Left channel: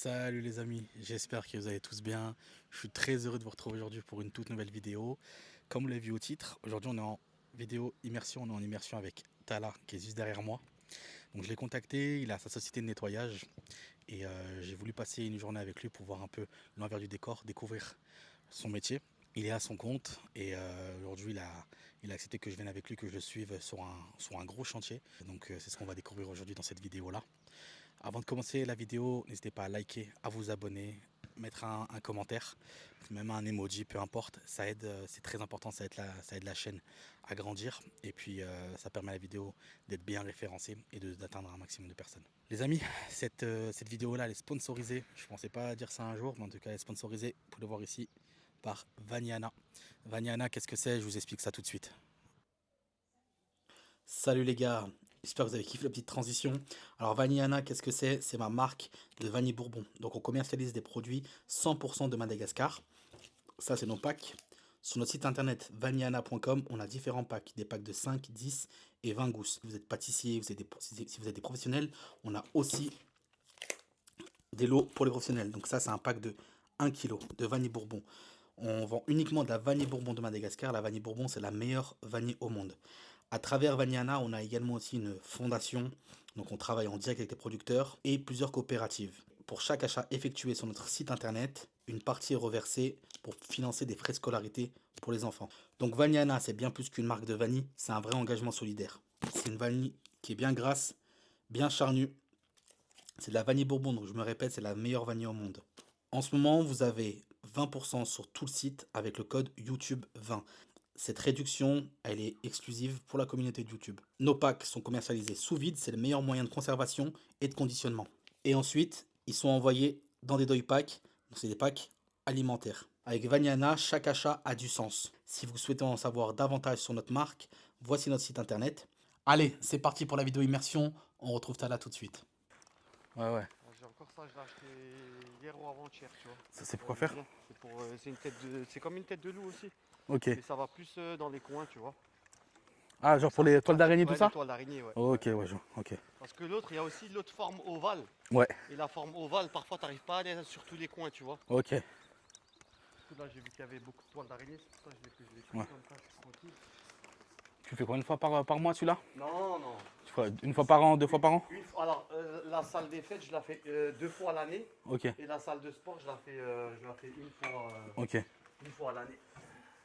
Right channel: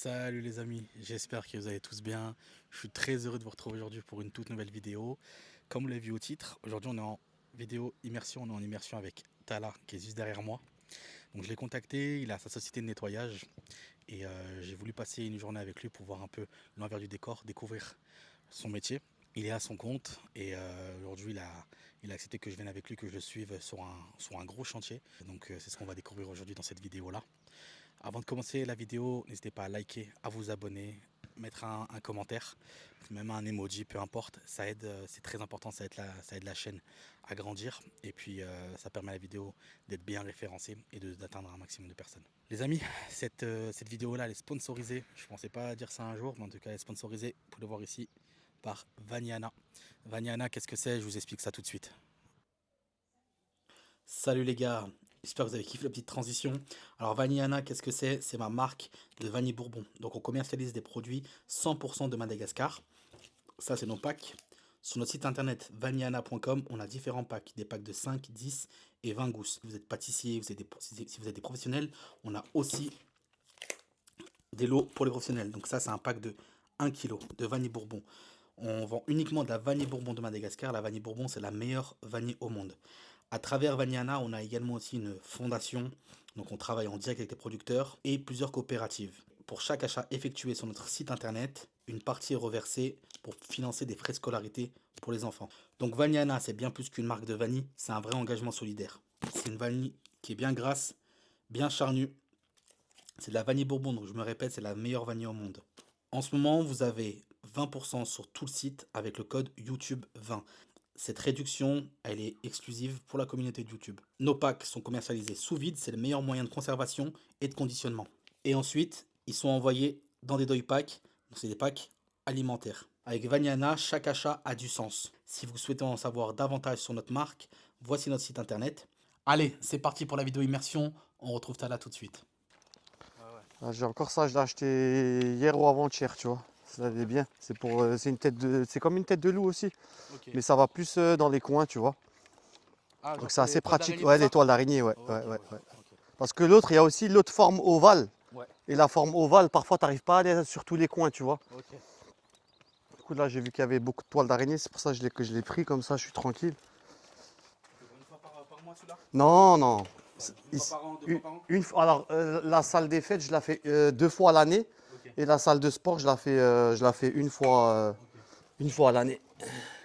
Salut les amis, j'espère que vous allez tous bien. Je suis très heureux de vous retrouver aujourd'hui pour une toute nouvelle vidéo. Comme vous l'avez vu au titre, aujourd'hui on est en vidéo immersion, on est en immersion avec Tala qui est juste derrière moi. Donc je l'ai contacté, il a sa société de nettoyage et j'ai voulu passer une journée avec lui pour voir un peu l'envers du décor, découvrir son métier. Il est à son compte et aujourd'hui il a accepté que je vienne avec lui, que je le suive sur un gros chantier. Donc c'est ce qu'on va découvrir aujourd'hui dans cette vidéo là. Avant de commencer la vidéo, n'hésitez pas à liker, à vous abonner, mettre un commentaire, même un emoji, peu importe. Ça aide, c'est très important, ça aide la chaîne à grandir. Et puis ça permet à la vidéo d'être bien référencée et d'atteindre un maximum de personnes. Les amis, cette vidéo-là, elle est sponsorisée. Je ne pensais pas dire ça un jour, mais en tout cas, elle est sponsorisée, vous pouvez le voir ici, par Vaniana. Vaniana, qu'est-ce que c'est? Je vous explique ça tout de suite. Salut les gars, j'espère que vous avez kiffé la petite transition. Alors Vaniana, qu'est-ce que c'est? C'est ma marque de vanille bourbon. Donc on commercialise des produits 100% de Madagascar. Ça c'est nos packs. Sur notre site internet vaniana.com, on a différents packs. Des packs de 5, 10 et 20 gousses. Si vous êtes pâtissier, si vous êtes des professionnels, on a aussi des lots pour les professionnels. Donc ça c'est un pack de 1 kg de vanille bourbon. On vend uniquement de la vanille bourbon de Madagascar. La vanille bourbon, c'est la meilleure vanille au monde. À travers Vaniana, on a également aussi une fondation. Donc on travaille en direct avec les producteurs et plusieurs coopératives. Pour chaque achat effectué sur notre site internet, une partie est reversée pour financer des frais de scolarité pour les enfants. Donc Vaniana, c'est bien plus qu'une marque de vanille, c'est un vrai engagement solidaire. C'est une vanille qui est bien grasse, bien charnue. C'est de la vanille bourbon, donc je me répète, c'est la meilleure vanille au monde. En ce moment, vous avez 20% sur tout le site avec le code YouTube 20. Cette réduction, elle est exclusive pour la communauté de YouTube. Nos packs sont commercialisés sous vide, c'est le meilleur moyen de conservation et de conditionnement. Et ensuite, ils sont envoyés dans des deuil packs, donc c'est des packs alimentaires. Avec Vaniana, chaque achat a du sens. Si vous souhaitez en savoir davantage sur notre marque, voici notre site internet. Allez, c'est parti pour la vidéo immersion, on retrouve Tala tout de suite. Ouais, ouais. Ah, j'ai encore ça, je l'ai acheté hier ou avant-hier, tu vois. Ça, c'est Ça pour allait faire. bien. C'est une tête de, c'est comme une tête de loup aussi, Ok. mais ça va plus dans les coins, tu vois. Ah, Donc genre c'est pour les assez toiles pratique. d'araignée, tout Ouais, les ça? toiles d'araignée, ouais. Ok, Ouais, ouais, ouais, ouais. ok. Parce que l'autre, il y a aussi l'autre forme ovale. Ouais, Et la forme ovale, parfois, tu n'arrives pas à aller sur tous les coins, tu vois. ok. Du coup, là, j'ai vu qu'il y avait beaucoup de toiles d'araignée, c'est pour ça que je l'ai pris, Ouais. comme ça, je suis tranquille. Tu fais combien de fois par mois celui-là? Non, non. Une fois par an, deux fois par an? Alors, la salle des fêtes, je la fais 2 fois à l'année. Ok, Et la salle de sport, je la fais ok. une fois à l'année.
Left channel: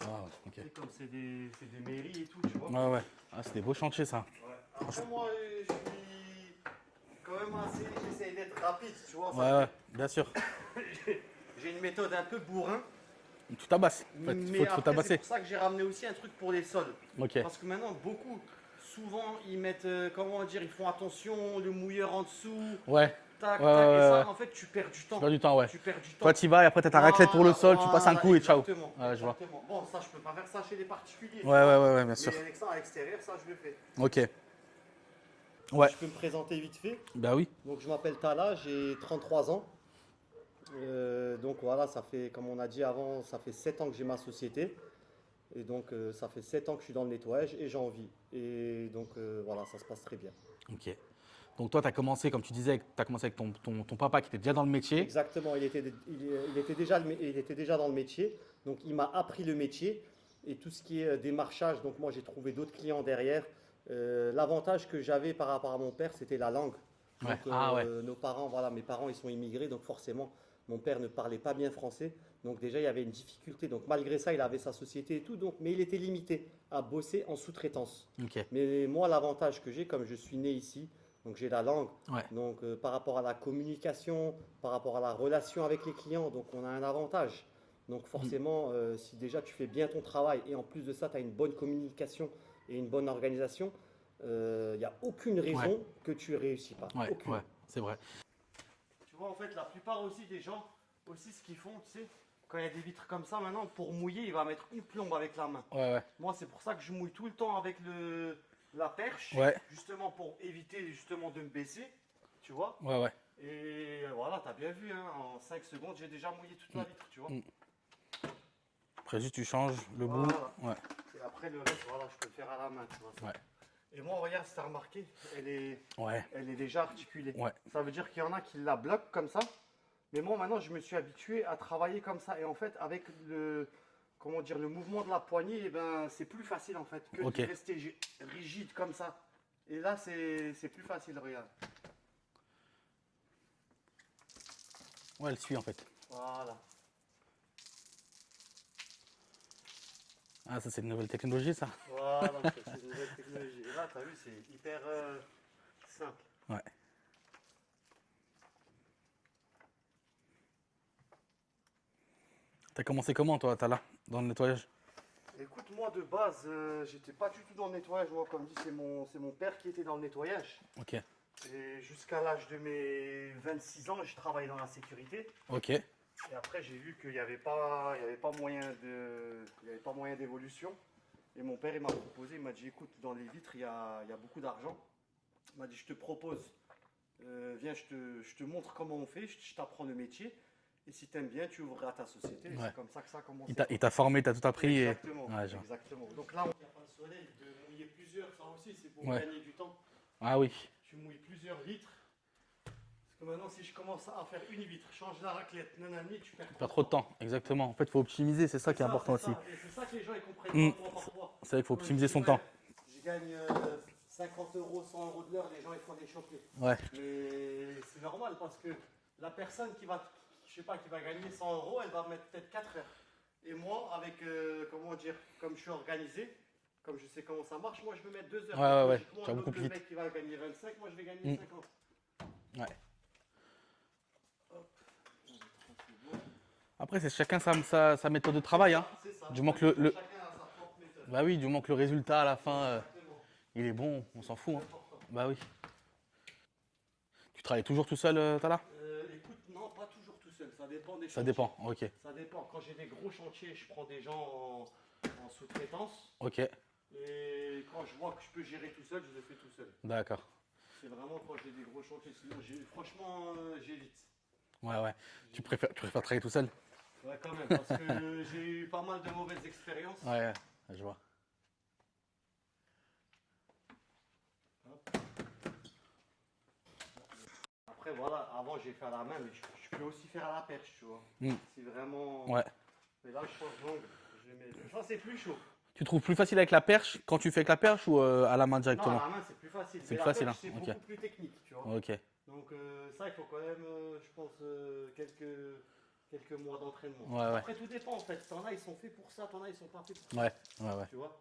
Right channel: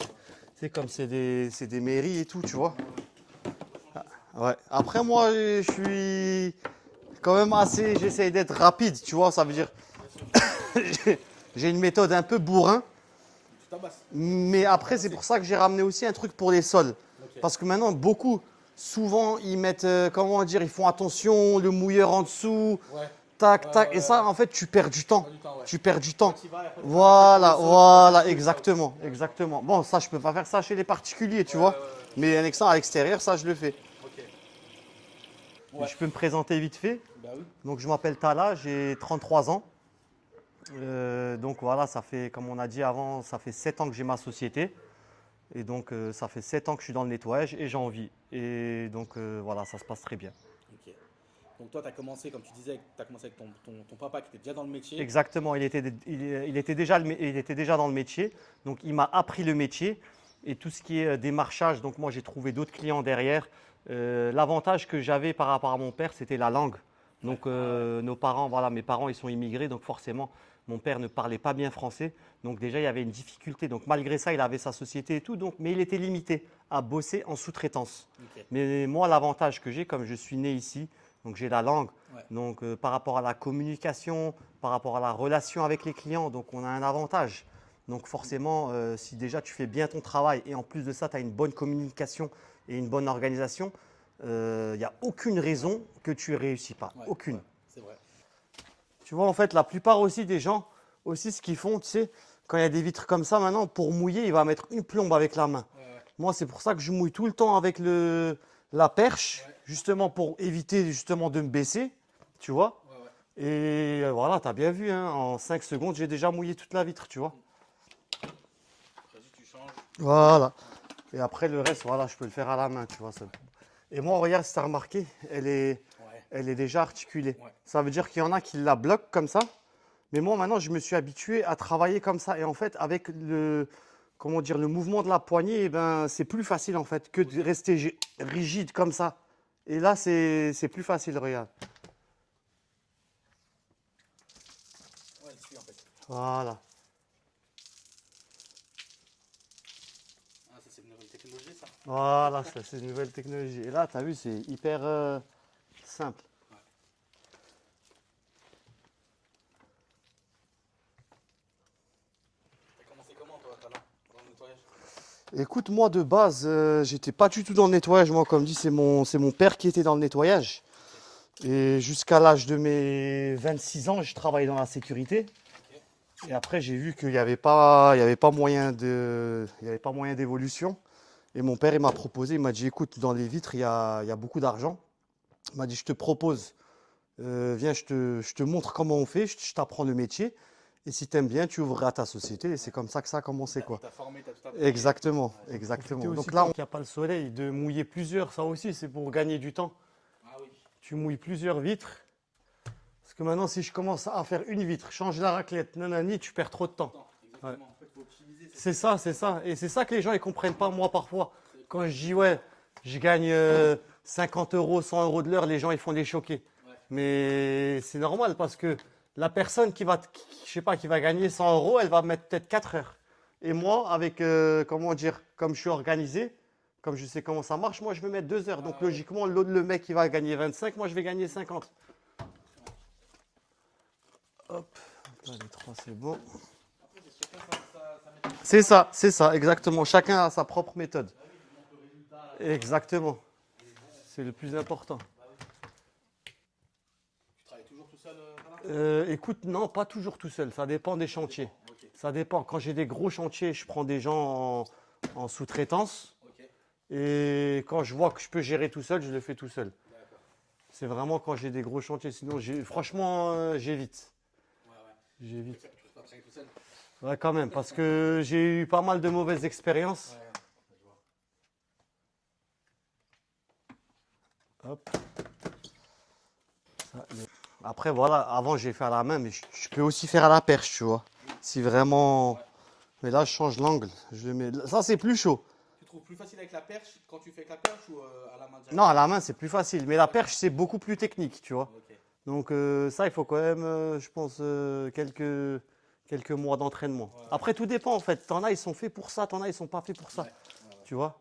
Ah, ok. C'est comme c'est des mairies et tout, tu vois. Ouais, ouais. Ah, c'est des beaux chantiers ça. Ouais. Après, moi, je suis quand même assez. J'essaye d'être rapide, tu vois. Ça Ouais, veut ouais, dire. bien sûr. J'ai une méthode un peu bourrin. Tu tabasses. En fait, Mais faut après, c'est tabasser. pour ça que j'ai ramené aussi un truc pour les sols. Ok. Parce que maintenant, souvent, ils mettent. Comment dire. Ils font attention, le mouilleur en dessous. Ouais. Tac, Ouais, tac. ouais, Et ouais. ça, en fait, tu perds du Tu temps. perds du temps, ouais. Tu perds du Toi, temps. tu y vas et après, t'as ta raclette pour le Voilà, sol, tu passes un voilà, coup et ciao. exactement, Ouais, je vois. exactement. Bon, ça, je peux pas faire ça chez les particuliers, tu Ouais, vois. ouais, ouais, ouais, bien sûr. Mais un à l'extérieur, ça, je le fais. Ok. Donc, Ouais. je peux me présenter vite fait. Bah oui. Donc, je m'appelle Tala, j'ai 33 ans. Donc, voilà, ça fait, comme on a dit avant, ça fait 7 ans que j'ai ma société. Et donc, ça fait 7 ans que je suis dans le nettoyage et j'en vis. Et donc, voilà, ça se passe très bien. Ok. Donc toi, tu as commencé, comme tu disais, tu as commencé avec ton papa qui était déjà dans le métier. Exactement, il était déjà dans le métier. Donc, il m'a appris le métier et tout ce qui est démarchage. Donc, moi, j'ai trouvé d'autres clients derrière. L'avantage que j'avais par rapport à mon père, c'était la langue. Donc, Ouais. Ah ouais. nos parents, voilà, mes parents, ils sont immigrés. Donc, forcément, mon père ne parlait pas bien français. Donc, déjà, il y avait une difficulté. Donc, malgré ça, il avait sa société et tout. Donc, mais il était limité à bosser en sous-traitance. Ok. Mais moi, l'avantage que j'ai, comme je suis né ici, donc j'ai la langue. Ouais. Donc, par rapport à la communication, par rapport à la relation avec les clients, donc on a un avantage. Donc, forcément, si déjà tu fais bien ton travail et en plus de ça, tu as une bonne communication et une bonne organisation, il n'y a aucune raison que tu ne réussis pas. Ouais. Aucune. Ouais. C'est vrai. Tu vois, en fait, la plupart aussi des gens, aussi ce qu'ils font, tu sais, quand il y a des vitres comme ça, maintenant, pour mouiller, il va mettre une plombe avec la main. Ouais, ouais. Moi, c'est pour ça que je mouille tout le temps avec la perche, Ouais. justement pour éviter justement de me baisser, tu vois. Ouais, ouais. Et voilà, tu as bien vu, hein, en 5 secondes, j'ai déjà mouillé toute la vitre, tu vois. Après, juste tu changes. Le Voilà. goût. Ouais. Et après, le reste, voilà, je peux le faire à la main, tu vois. Ça. Ouais. Et moi, regarde, si tu as remarqué, Ouais. elle est déjà articulée. Ouais. Ça veut dire qu'il y en a qui la bloquent comme ça. Mais moi, maintenant, je me suis habitué à travailler comme ça. Et en fait, avec comment dire, le mouvement de la poignée, eh ben, c'est plus facile en fait que Ok. de rester rigide comme ça. Et là, c'est plus facile, regarde. Ouais, elle suit en fait. Voilà. Ah, ça, c'est une nouvelle technologie, ça. Voilà, ça, c'est une nouvelle technologie. Et là, tu as vu, c'est hyper simple. Ouais. T'as commencé comment, toi, t'as là, dans le nettoyage? Écoute, moi, de base, j'étais pas du tout dans le nettoyage. Moi, comme dit, c'est mon père qui était dans le nettoyage. Ok. Et jusqu'à l'âge de mes 26 ans, je travaillais dans la sécurité. Ok. Et après, j'ai vu qu'il n'y avait pas, il y avait pas moyen il y avait pas moyen d'évolution. Et mon père, il m'a proposé, il m'a dit, écoute, dans les vitres, il y a beaucoup d'argent. Il m'a dit, je te propose, viens, je te montre comment on fait, je t'apprends le métier. Et si tu aimes bien, tu ouvriras ta société. Et c'est Ouais. comme ça que ça a commencé, Il quoi. t'a formé, t'as tout appris. Exactement, Ouais, genre. exactement. Profiter Donc aussi là, quand il n'y a pas le soleil, de mouiller plusieurs, ça aussi, c'est pour Ouais. gagner du temps. Ah oui. Tu mouilles plusieurs vitres. Parce que maintenant, si je commence à faire une vitre, change la raclette, nanani, tu perds trop Pas de trop de temps. temps. Exactement. En fait, il faut optimiser. C'est C'est ça qui est ça, important c'est ça. aussi. Et c'est ça que les gens ne comprennent pas, Mm. moi, parfois. C'est vrai qu'il faut Quand je optimiser dis, son ouais, temps. je gagne 50 euros, 100 euros de l'heure, les gens, ils font des choqués. Ouais. Mais c'est normal parce que la personne je sais pas, qui va gagner 100 euros, elle va mettre peut-être 4 heures. Et moi, avec, comment dire, comme je suis organisé, comme je sais comment ça marche, moi, je vais mettre 2 heures. Ouais, Donc, ouais, ouais. logiquement, T'as l'autre, beaucoup le de mec, il va gagner 25, moi, je vais gagner Mm. 50. Ouais. hop, là, les trois, c'est bon. Après, c'est chacun sa méthode de C'est travail. hein. ça, Du moment que exactement. le- Chacun a sa propre méthode. Bah oui, du moment que le résultat à la fin, Exactement. il est bon. C'est on le s'en plus fout, hein. important. Bah oui. Tu travailles toujours tout seul, Tala? Écoute, non, pas toujours tout seul. Ça dépend des Ça chantiers. dépend. Ok. Ça dépend. Quand j'ai des gros chantiers, je prends des gens en sous-traitance. Ok. Et quand je vois que je peux gérer tout seul, je le fais tout seul. D'accord. C'est vraiment quand j'ai des gros chantiers. Sinon, franchement, j'évite. Ouais, ouais. Tu J'évite. préfères travailler tout seul? Ouais, quand même, parce que j'ai eu pas mal de mauvaises expériences. Ouais, je vois. Hop. Après, voilà, avant, j'ai fait à la main, mais je peux aussi faire à la perche, tu vois. Mm. Si vraiment. Ouais. Mais là, je change l'angle. Je le mets. Ça, c'est plus chaud. Tu trouves plus facile avec la perche quand tu fais avec la perche ou à la main Non, directement? à la main, c'est plus facile. Mais C'est la facile, perche, hein. c'est Ok. beaucoup plus technique, tu vois. Ok. Donc, ça, il faut quand même, je pense, quelques mois d'entraînement. Ouais, ouais. Après, tout dépend, en fait. T'en as, ils sont faits pour ça. T'en as, ils sont pas faits pour ça. Ouais, ouais, ouais. Tu vois.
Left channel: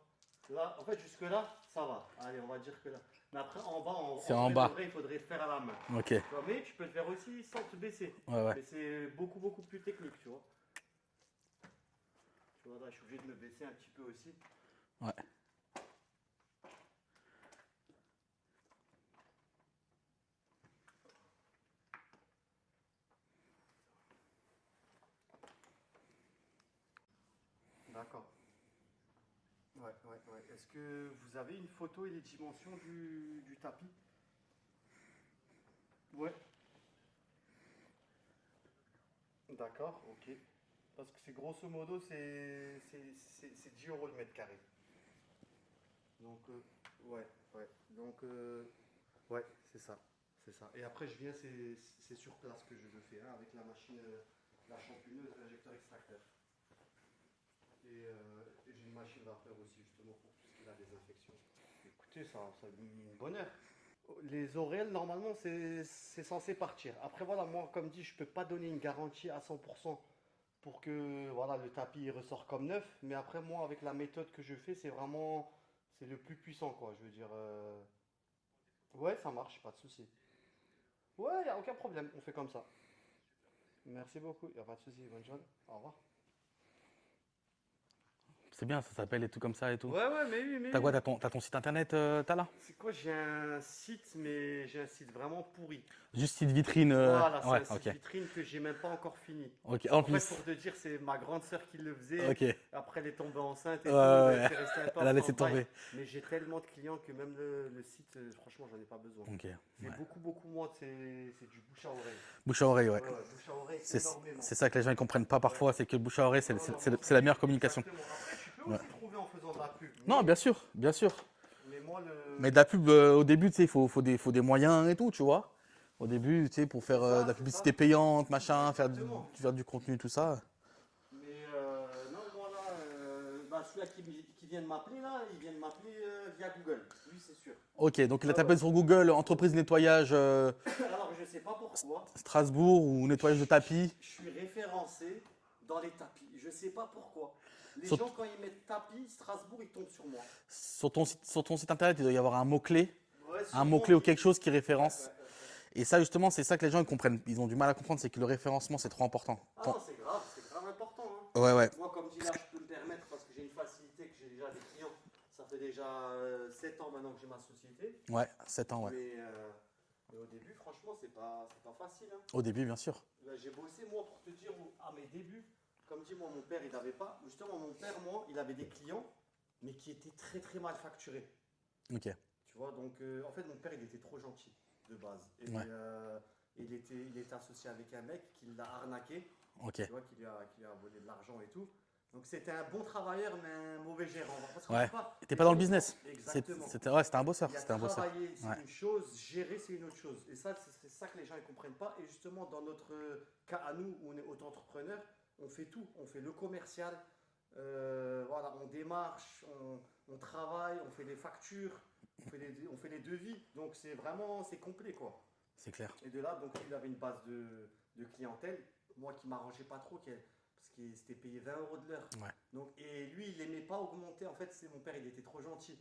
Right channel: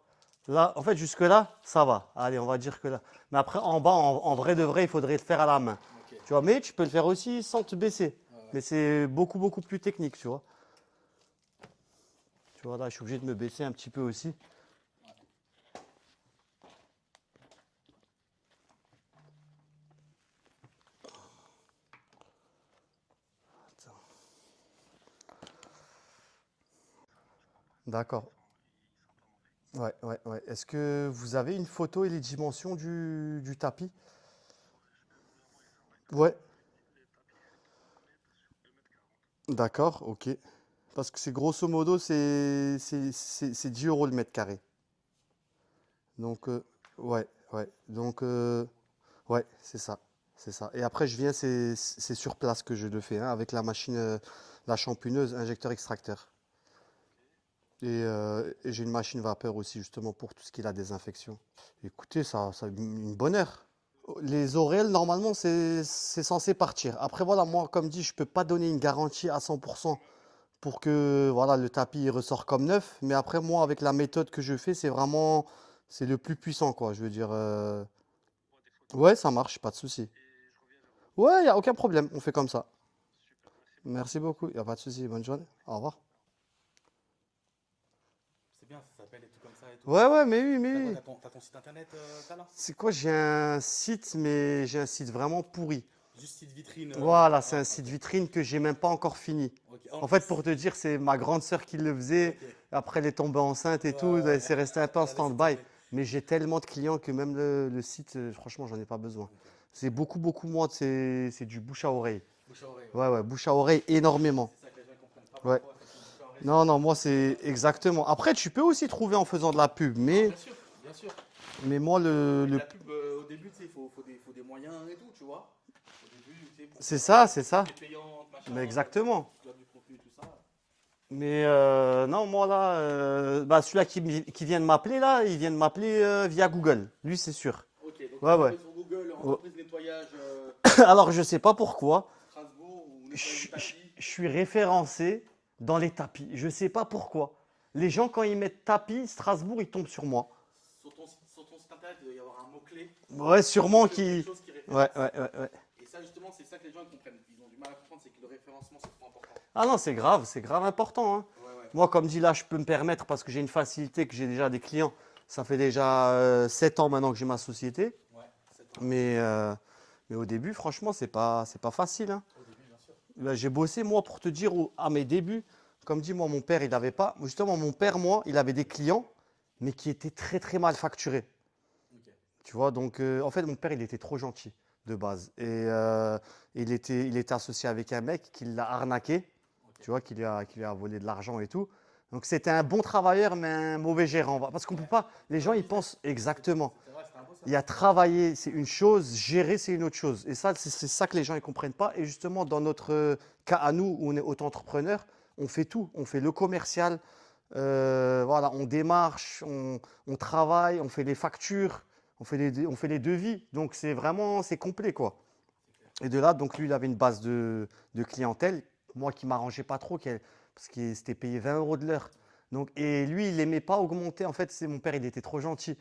Là, en fait, jusque-là, ça va. Allez, on va dire que là. Mais après, en bas, en C'est en vrai de bas. vrai, il faudrait le faire à la main. Ok. Tu vois, mais tu peux le faire aussi sans te baisser. Ouais, ouais. Mais c'est beaucoup, beaucoup plus technique, tu vois. Tu vois, là, je suis obligé de me baisser un petit peu aussi. Ouais. D'accord. Ouais, ouais, ouais. Est-ce que vous avez une photo et les dimensions du tapis? Ouais. D'accord, ok. Parce que c'est grosso modo, c'est 10 euros le mètre carré. Donc, ouais, ouais. Donc, ouais, c'est ça. C'est ça. Et après, je viens, c'est sur place que je le fais, hein, avec la machine, la champineuse, injecteur extracteur. Et j'ai une machine vapeur aussi, justement, pour tout ce qui est la désinfection. Écoutez, ça une bonne heure. Les oreilles, normalement, c'est censé partir. Après, voilà, moi, comme dit, je ne peux pas donner une garantie à 100% pour que voilà, le tapis il ressort comme neuf. Mais après, moi, avec la méthode que je fais, c'est le plus puissant, quoi. Je veux dire, ouais, ça marche, pas de souci. Ouais, il n'y a aucun problème, on fait comme ça. Merci beaucoup, il n'y a pas de souci. Bonne journée, au revoir. C'est bien, ça s'appelle et tout comme ça et tout. Ouais, ouais, mais oui, mais T'as quoi, oui. t'as ton site internet, Tala? C'est quoi? J'ai un site, mais j'ai un site vraiment pourri. Juste site vitrine. Voilà, c'est Ouais, un site ok. vitrine que j'ai même pas encore fini. Ok. En fait, pour te dire, c'est ma grande sœur qui le faisait. Ok. Après, elle est tombée enceinte et Ouais, tout. ouais. C'est resté un peu en Elle a laissé stand-by. tomber. Mais j'ai tellement de clients que même le site, franchement, j'en ai pas besoin. Ok. C'est beaucoup, beaucoup moins. C'est du bouche à oreille. Bouche à oreille, ouais. Ouais, ouais, bouche à oreille C'est- énormément. C'est ça que les gens ne comprennent pas parfois, c'est que bouche à oreille, Non, non, moi, c'est la c'est meilleure communication. exactement. Après, tu peux aussi trouver en faisant de la pub. Non, Mais, bien sûr, bien sûr. mais moi, Mais de la pub, au début, tu sais, il faut des moyens et tout, tu vois. Au début, tu sais, pour C'est faire ça, la c'est ça. publicité payante, machin, Mais exactement. faire du contenu, tout ça. Mais non, moi là, celui-là qui vient de m'appeler là, il vient de m'appeler via Google. Lui, c'est sûr. Ok, donc il Ouais, a ouais. tapé sur Google entreprise de nettoyage Alors, je sais pas pourquoi. Strasbourg ou nettoyage de tapis. Je suis référencé dans les tapis. Je sais pas pourquoi. Les Sur- gens, quand ils mettent tapis, Strasbourg, ils tombent sur moi. Sur ton site internet, il doit y avoir un mot-clé. Ouais, Un sûrement mot-clé ou qui. quelque chose qui Ouais, référence. ouais. Et ça, justement, c'est ça que les gens ils comprennent. Ils ont du mal à comprendre, c'est que le référencement, c'est trop important. Ah non, c'est grave important, hein. Ouais, ouais. Moi, comme dit là, je peux me permettre parce que j'ai une facilité, que j'ai déjà des clients. Ça fait déjà 7 ans maintenant que j'ai ma société. Ouais, 7 ans. Ouais. Mais au début, franchement, c'est pas facile, hein. Au début, bien sûr. Là, j'ai bossé, moi, pour te dire, à mes débuts, comme dit, moi, mon père, il n'avait pas. Justement, mon père, moi, il avait des clients, mais qui étaient très, très mal facturés. Ok. Tu vois, donc, en fait, mon père, il était trop gentil de base. Et il était associé avec un mec qui l'a arnaqué, Ok. tu vois, qui lui a volé de l'argent et tout. Donc, c'était un bon travailleur, mais un mauvais gérant. Parce qu'on Ouais. peut pas. T'es Les pas gens, dans le ils business. pensent. Exactement. C'était un bosseur. Il y a c'était un bosseur. travailler, c'est Ouais. une chose, gérer, c'est une autre chose. Et ça, c'est ça que les gens ne comprennent pas. Et justement, dans notre cas à nous, où on est auto-entrepreneur, on fait tout. On fait le commercial, voilà, on démarche, on travaille, on fait les factures, on fait les devis. Donc, c'est complet, quoi. C'est clair. Et de là, donc lui, il avait une base de clientèle, moi qui m'arrangeais pas trop, parce qu'il s'était payé 20 euros de l'heure. Ouais. Donc, et lui, il n'aimait pas augmenter. En fait, c'est mon père, il était trop gentil.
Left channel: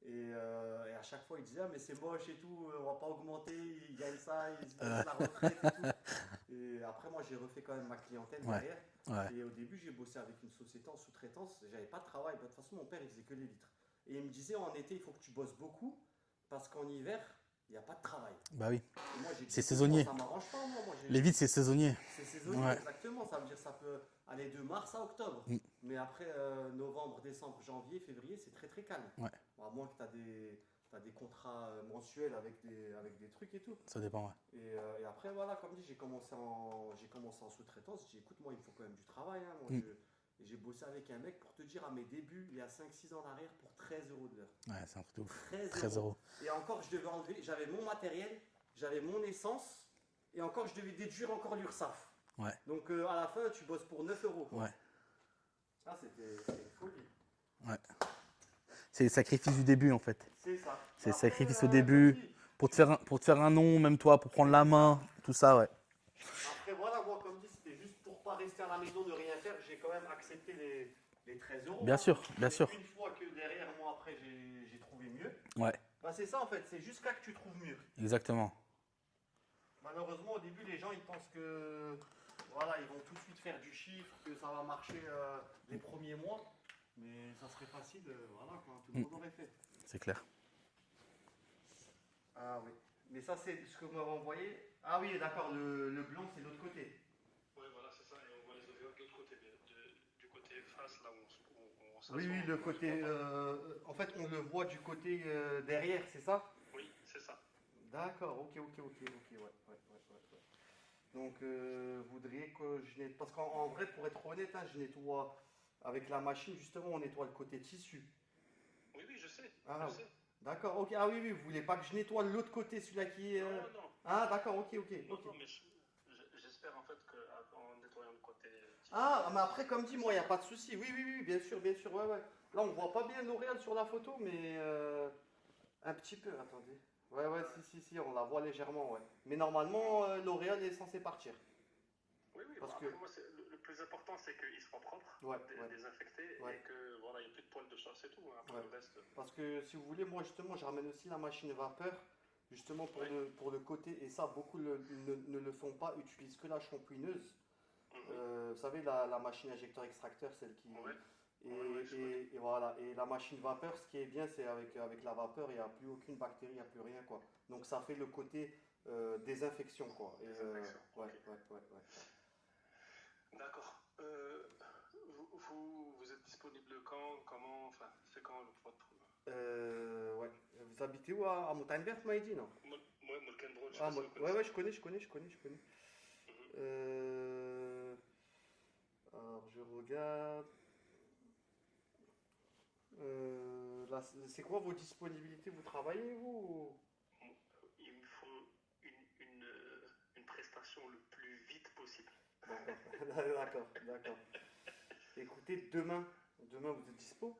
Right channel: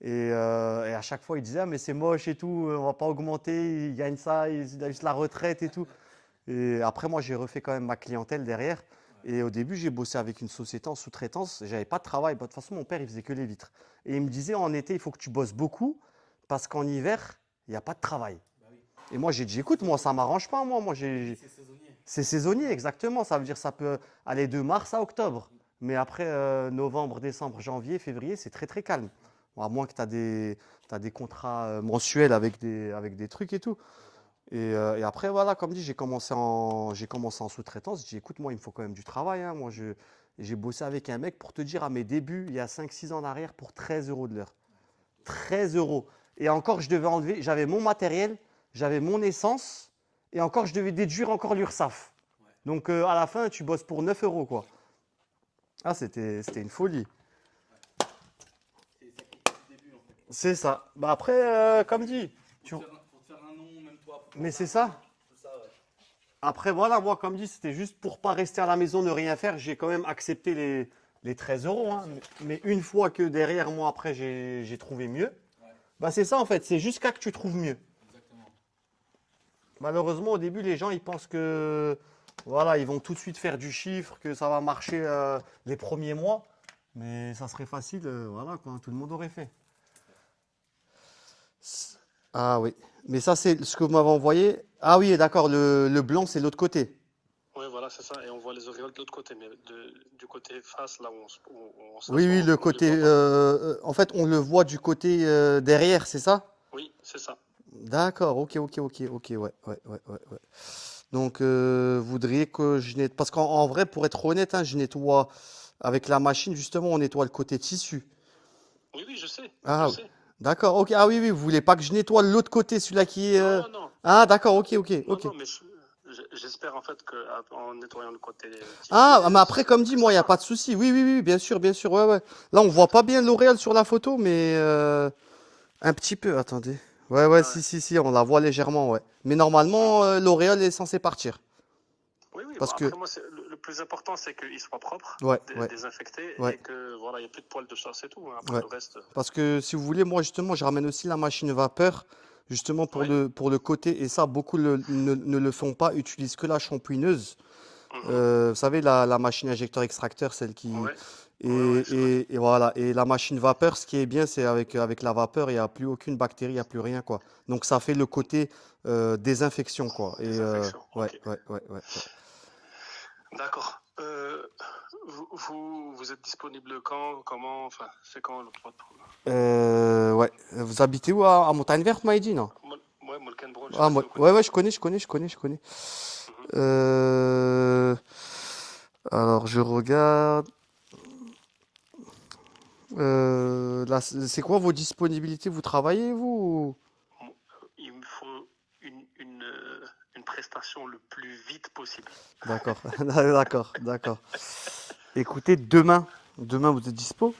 Et à chaque fois, il disait, ah, mais c'est moche et tout, on va pas augmenter, il gagne ça, il a juste la retraite et tout. Et après, moi, j'ai refait quand même ma clientèle derrière. Ouais. Et au début, j'ai bossé avec une société en sous-traitance. J'avais pas de travail. Bah, de toute façon, mon père, il faisait que les vitres. Et il me disait, en été, il faut que tu bosses beaucoup parce qu'en hiver, il n'y a pas de travail. Bah oui. Et moi, j'ai dit, C'est écoute, moi, saisonnier. ça m'arrange pas, moi. Les vides, c'est saisonnier. C'est saisonnier, Ouais. exactement. Ça veut dire ça peut aller de mars à octobre. Mm. Mais après, novembre, décembre, janvier, février, c'est très, très calme. Ouais. Bon, à moins que tu as des contrats mensuels avec des trucs et tout. Ça dépend. Ouais. Et après, voilà, comme dit, j'ai commencé en sous-traitance. J'ai dit, écoute, moi, il me faut quand même du travail, hein. Moi, j'ai bossé avec un mec, pour te dire, à mes débuts, il y a 5-6 ans en arrière, pour 13 euros de l'heure. Ouais, c'est un truc de ouf. 13 euros. Et encore, je devais enlever, j'avais mon matériel, j'avais mon essence, et encore, je devais déduire encore l'URSSAF. Ouais. Donc, à la fin, tu bosses pour 9 euros, quoi. Ouais. Ah, c'était une folie. C'est le sacrifice du début, en fait. C'est ça. Bah, C'est après, sacrifice au comme début. dit, Pour te faire un nom, même toi, pour prendre Mais la c'est main, tout ça, ouais. après, voilà, moi, comme dit, c'était juste pour pas rester à la maison, ne rien faire. J'ai quand même accepté les 13 euros. Bien hein. sûr, bien Mais sûr. une fois que derrière, moi, après, j'ai trouvé mieux, Ouais, bah, c'est ça, en fait. C'est jusqu'à que tu trouves mieux. exactement. Malheureusement, au début, les gens, ils pensent que, voilà, ils vont tout de suite faire du chiffre, que ça va marcher les premiers mois. Mais ça serait facile, voilà, quoi. Tout le monde aurait fait. C'est clair. Ah oui. Mais ça, c'est ce que vous m'avez envoyé. Ah oui, d'accord, le blanc, c'est l'autre côté. Oui, voilà, c'est ça. Et on voit les auréoles de l'autre côté, mais du côté face, là où on s'assoit, Oui, le on côté. les voit pas. En fait, on le voit du côté derrière, c'est ça? Oui, c'est ça. D'accord, ok, ouais. Donc, vous voudriez que je nettoie. Parce qu'en vrai, pour être honnête, hein, je nettoie avec la machine, justement, on nettoie le côté tissu. Oui, oui, je sais. Ah, Je sais. d'accord, ok. Ah oui, oui, vous voulez pas que je nettoie l'autre côté, celui-là qui est. Non, non, Ah, d'accord, ok. non, mais j'espère en fait qu'en nettoyant le côté tissu, Ah, mais après, comme dit, que moi, il ça n'y a pas de part. souci. Oui, bien sûr, ouais. Là, on voit pas bien L'Oréal sur la photo, mais un petit peu, attendez. Ouais, Ah ouais. si, on la voit légèrement, ouais. Mais normalement, L'Oréal est censé partir. Oui, oui. Bon, Parce que, après, moi, le plus important, c'est qu'il soit propre, ouais, désinfecté, ouais, et que voilà, il n'y a plus de poils de chasse et tout. Hein. Après ouais. le reste, Parce que si vous voulez, moi, justement, je ramène aussi la machine vapeur, justement, pour ouais. le côté. Et ça, beaucoup ne le font pas, utilisent que la shampouineuse. Mhm. Vous savez, la machine injecteur-extracteur, celle qui. Ouais, Et, ouais, je connais. et voilà. Et la machine vapeur, ce qui est bien, c'est avec la vapeur, il n'y a plus aucune bactérie, il n'y a plus rien, quoi. Donc ça fait le côté désinfection, quoi. Et Désinfection, ouais, ok. ouais. D'accord. Vous êtes disponible quand, comment, enfin, c'est quand votre... Ouais. Vous habitez où à Montagne Verte, m'a dit, non? Moi, Molkenbron, je sais Ah, pas si vous ouais, connaissez. je connais. Mhm. Euh, alors, je regarde. Là, c'est quoi vos disponibilités? Vous travaillez, vous? Il me faut prestations le plus vite possible. D'accord, d'accord. Écoutez, demain vous êtes dispo?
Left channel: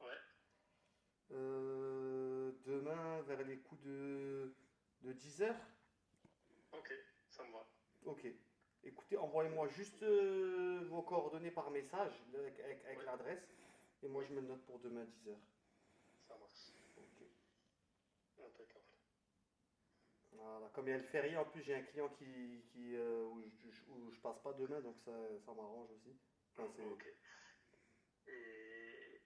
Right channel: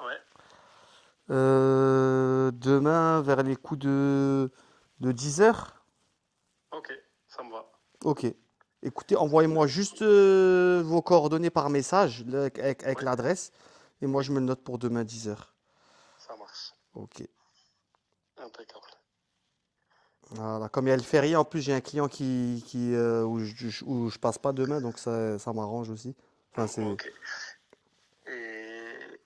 Ouais, Demain vers les coups de 10 h. ok, ça me va. Ok. Écoutez, envoyez-moi juste vos coordonnées par message avec Ouais, l'adresse. Et moi, je me le note pour demain 10 h. ça marche. Ok. Impeccable. Voilà. Comme il y a le férié, en plus, j'ai un client où je passe pas demain, donc ça m'arrange aussi. Enfin, c'est... Ok. Et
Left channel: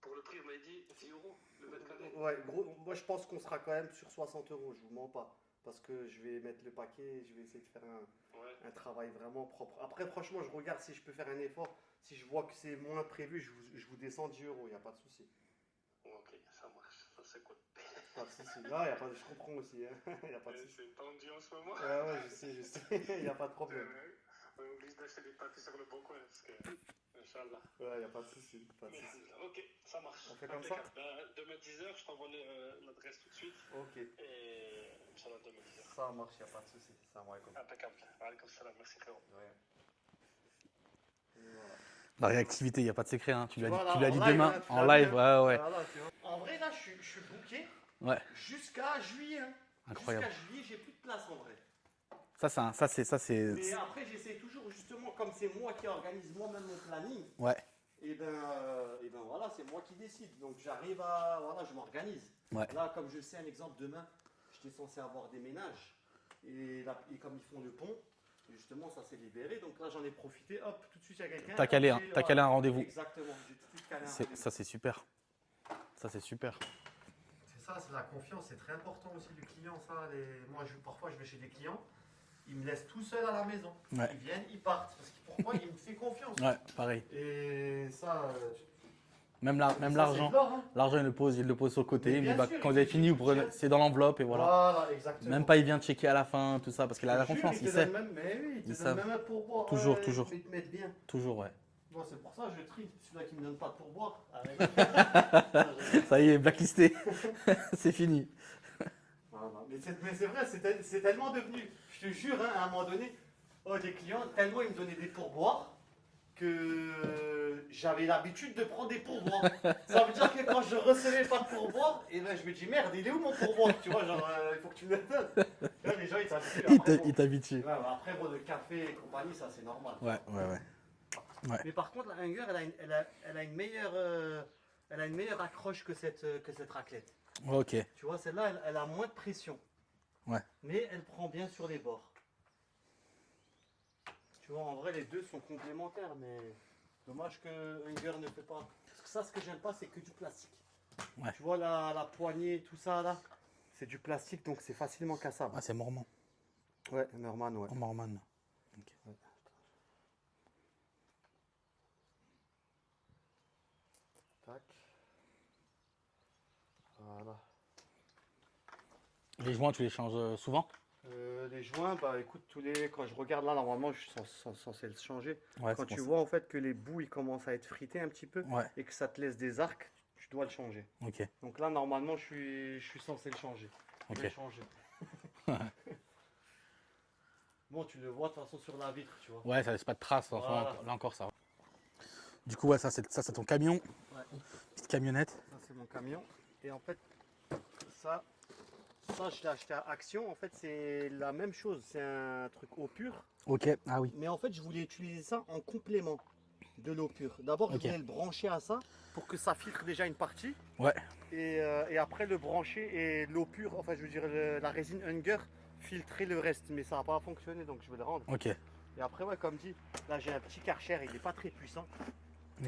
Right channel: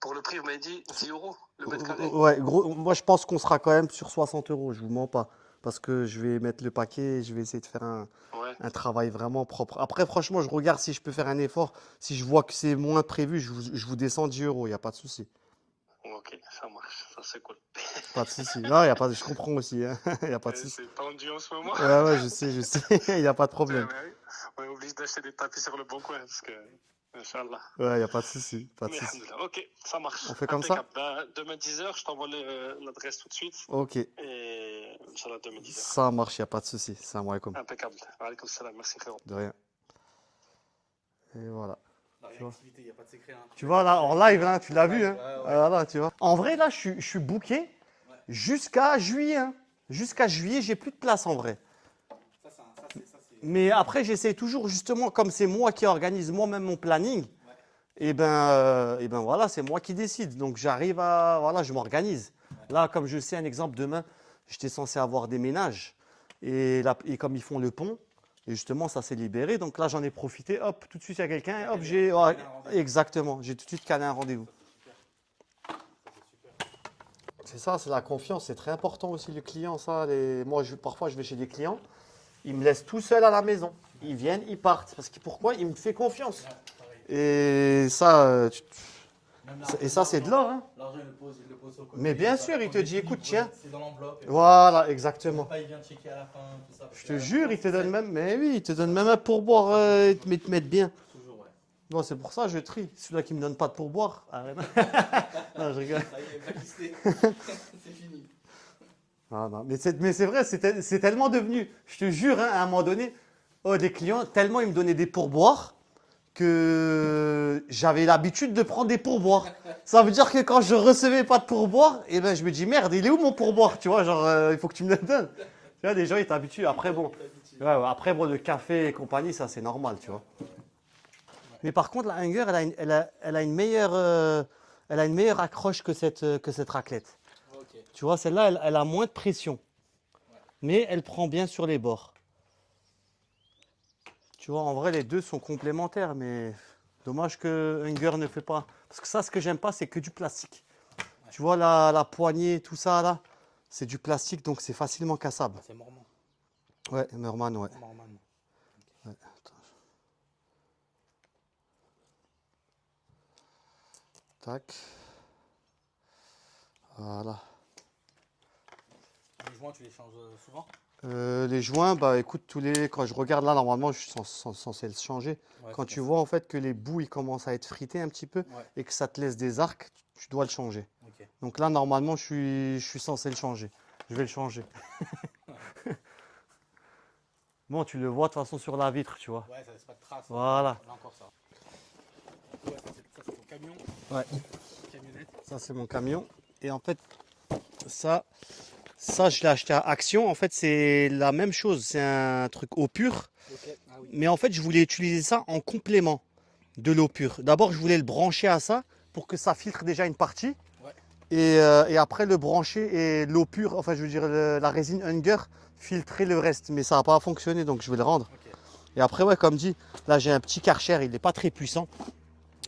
pour le prix, vous m'avez dit 10 euros le mètre carré? Ouais, gros, moi, je pense qu'on sera quand même sur 60 euros, je vous mens pas. Parce que je vais mettre le paquet et je vais essayer de faire Ouais, un travail vraiment propre. Après, franchement, je regarde si je peux faire un effort. Si je vois que c'est moins prévu, je vous descends 10 euros, il n'y a pas de souci. ok, ça marche. Ça, c'est cool. Pas de souci. Non, y a pas de... je comprends aussi, hein. Il n'y a pas de souci. C'est tendu en ce moment. Ouais, ouais, je sais, il n'y a pas de problème. On est obligé d'acheter des tapis sur le bon coin parce que, Inch'Allah. Ouais, il n'y a pas de souci, pas de Mais souci. alhamdoulilah. Ok, ça marche. On fait comme ça? Impeccable. Ben, demain 10 h, je t'envoie l'adresse tout de suite. Ok, Et Inch'Allah, demain 10 h. ça marche, il n'y a pas de souci. Salam alaikum. Impeccable. Alaykoum salam. Merci frérot. De rien. Et voilà. La réactivité, il n'y a pas de secret. Hein. Tu vois là, l'as en dit live, demain, hein, tu en l'as vu. live, Hein. ouais, ouais. Voilà, tu vois. En vrai, là, je suis booké Ouais, jusqu'à juillet. Hein. Jusqu'à incroyable. juillet, j'ai plus de place en vrai. Ça, c'est. Mais après, j'essaie toujours, justement, comme c'est moi qui organise moi-même mon planning, Ouais, et ben voilà, c'est moi qui décide. Donc j'arrive à, voilà, je m'organise. ouais. Là, comme je sais, un exemple, demain, j'étais censé avoir des ménages. Et comme ils font le pont, et justement, ça s'est libéré. Donc là, j'en ai profité. Hop, tout de suite, il y a quelqu'un. T'as Hop, calé, j'ai- t'as ouais, calé un rendez-vous. Exactement, j'ai tout de suite calé un rendez-vous. Ça, c'est super. Ça, c'est super. C'est ça, c'est la confiance. C'est très important aussi, le client. Ça, moi, parfois, je vais chez des clients. Ils me laissent tout seul à la maison. Ouais. Ils viennent, ils partent. Parce que pourquoi? Ils me font confiance. Ouais, pareil. Et ça, Même et ça c'est de l'or. Hein. L'argent, il le pose sur le côté. Mais bien sûr, il quand te dit, finit, écoute, vous prenez- tiens. c'est dans l'enveloppe et voilà. Voilà, exactement. Même pas, il vient checker à la fin, tout ça. Parce Je qu'il a te la jure, confiance, il te sait. donne même, mais oui, il te Ils donne savent. même un pourboire, Toujours. ils te mettent bien. Toujours, ouais. Bon, c'est pour ça que je trie. Celui-là qui me donne pas de pourboire. Non, je rigole. Ça y est, blacklisté. C'est fini. Non, mais c'est vrai, c'est tellement devenu, je te jure, hein, à un moment donné, des clients, tellement ils me donnaient des pourboires que j'avais l'habitude de prendre des pourboires. Ça veut dire que quand je recevais pas de pourboire, eh ben, je me dis merde, il est où mon pourboire? Tu vois, genre, il faut que tu me le donnes. Tu vois, les gens, ils t'habituent. Après, bon, Il t'habitue. ouais, après, bon, le café et compagnie, ça, c'est normal, tu Ouais, vois. ouais. Mais par contre, la Hunger, elle a une meilleure accroche que cette raclette. Ok. Tu vois, celle-là, elle a moins de pression. Ouais. Mais elle prend bien sur les bords. Tu vois, en vrai, les deux sont complémentaires, mais dommage que Hunger ne fait pas. Parce que ça, ce que j'aime pas, c'est que du plastique. Ouais. Tu vois, la poignée, tout ça, là, c'est du plastique, donc c'est facilement cassable. Ah, c'est Mormon. Ouais, Merman, ouais. Mormon. Tac. Voilà. Les joints, tu les changes souvent? Les joints, bah écoute, quand je regarde là, normalement, je suis censé le changer. Ouais, Quand c'est tu bon. vois en fait que les bouts ils commencent à être frités un petit peu Ouais, et que ça te laisse des arcs, tu dois le changer. ok. Donc là, normalement, je suis censé le changer. Je vais Ok. le changer. Bon, tu le vois de toute façon sur la vitre, tu vois. Ouais, ça laisse pas de traces. Voilà. Là encore, ça va. Du coup, ouais, ça, c'est ton camion. Ouais. Petite camionnette. Ça, c'est mon camion. Et en fait, ça, je l'ai acheté à Action. En fait, c'est la même chose. C'est un truc eau pure. Ok. Ah oui. Mais en fait, je voulais utiliser ça en complément de l'eau pure. D'abord, je voulais le brancher à ça pour que ça filtre déjà une partie. Ouais. Et après, le brancher et l'eau pure, enfin, je veux dire, la résine Hunger, filtrer le reste. Mais ça n'a pas fonctionné, donc je vais le rendre. Ok. Et après, ouais, comme dit, là, j'ai un petit Karcher, il n'est pas très puissant.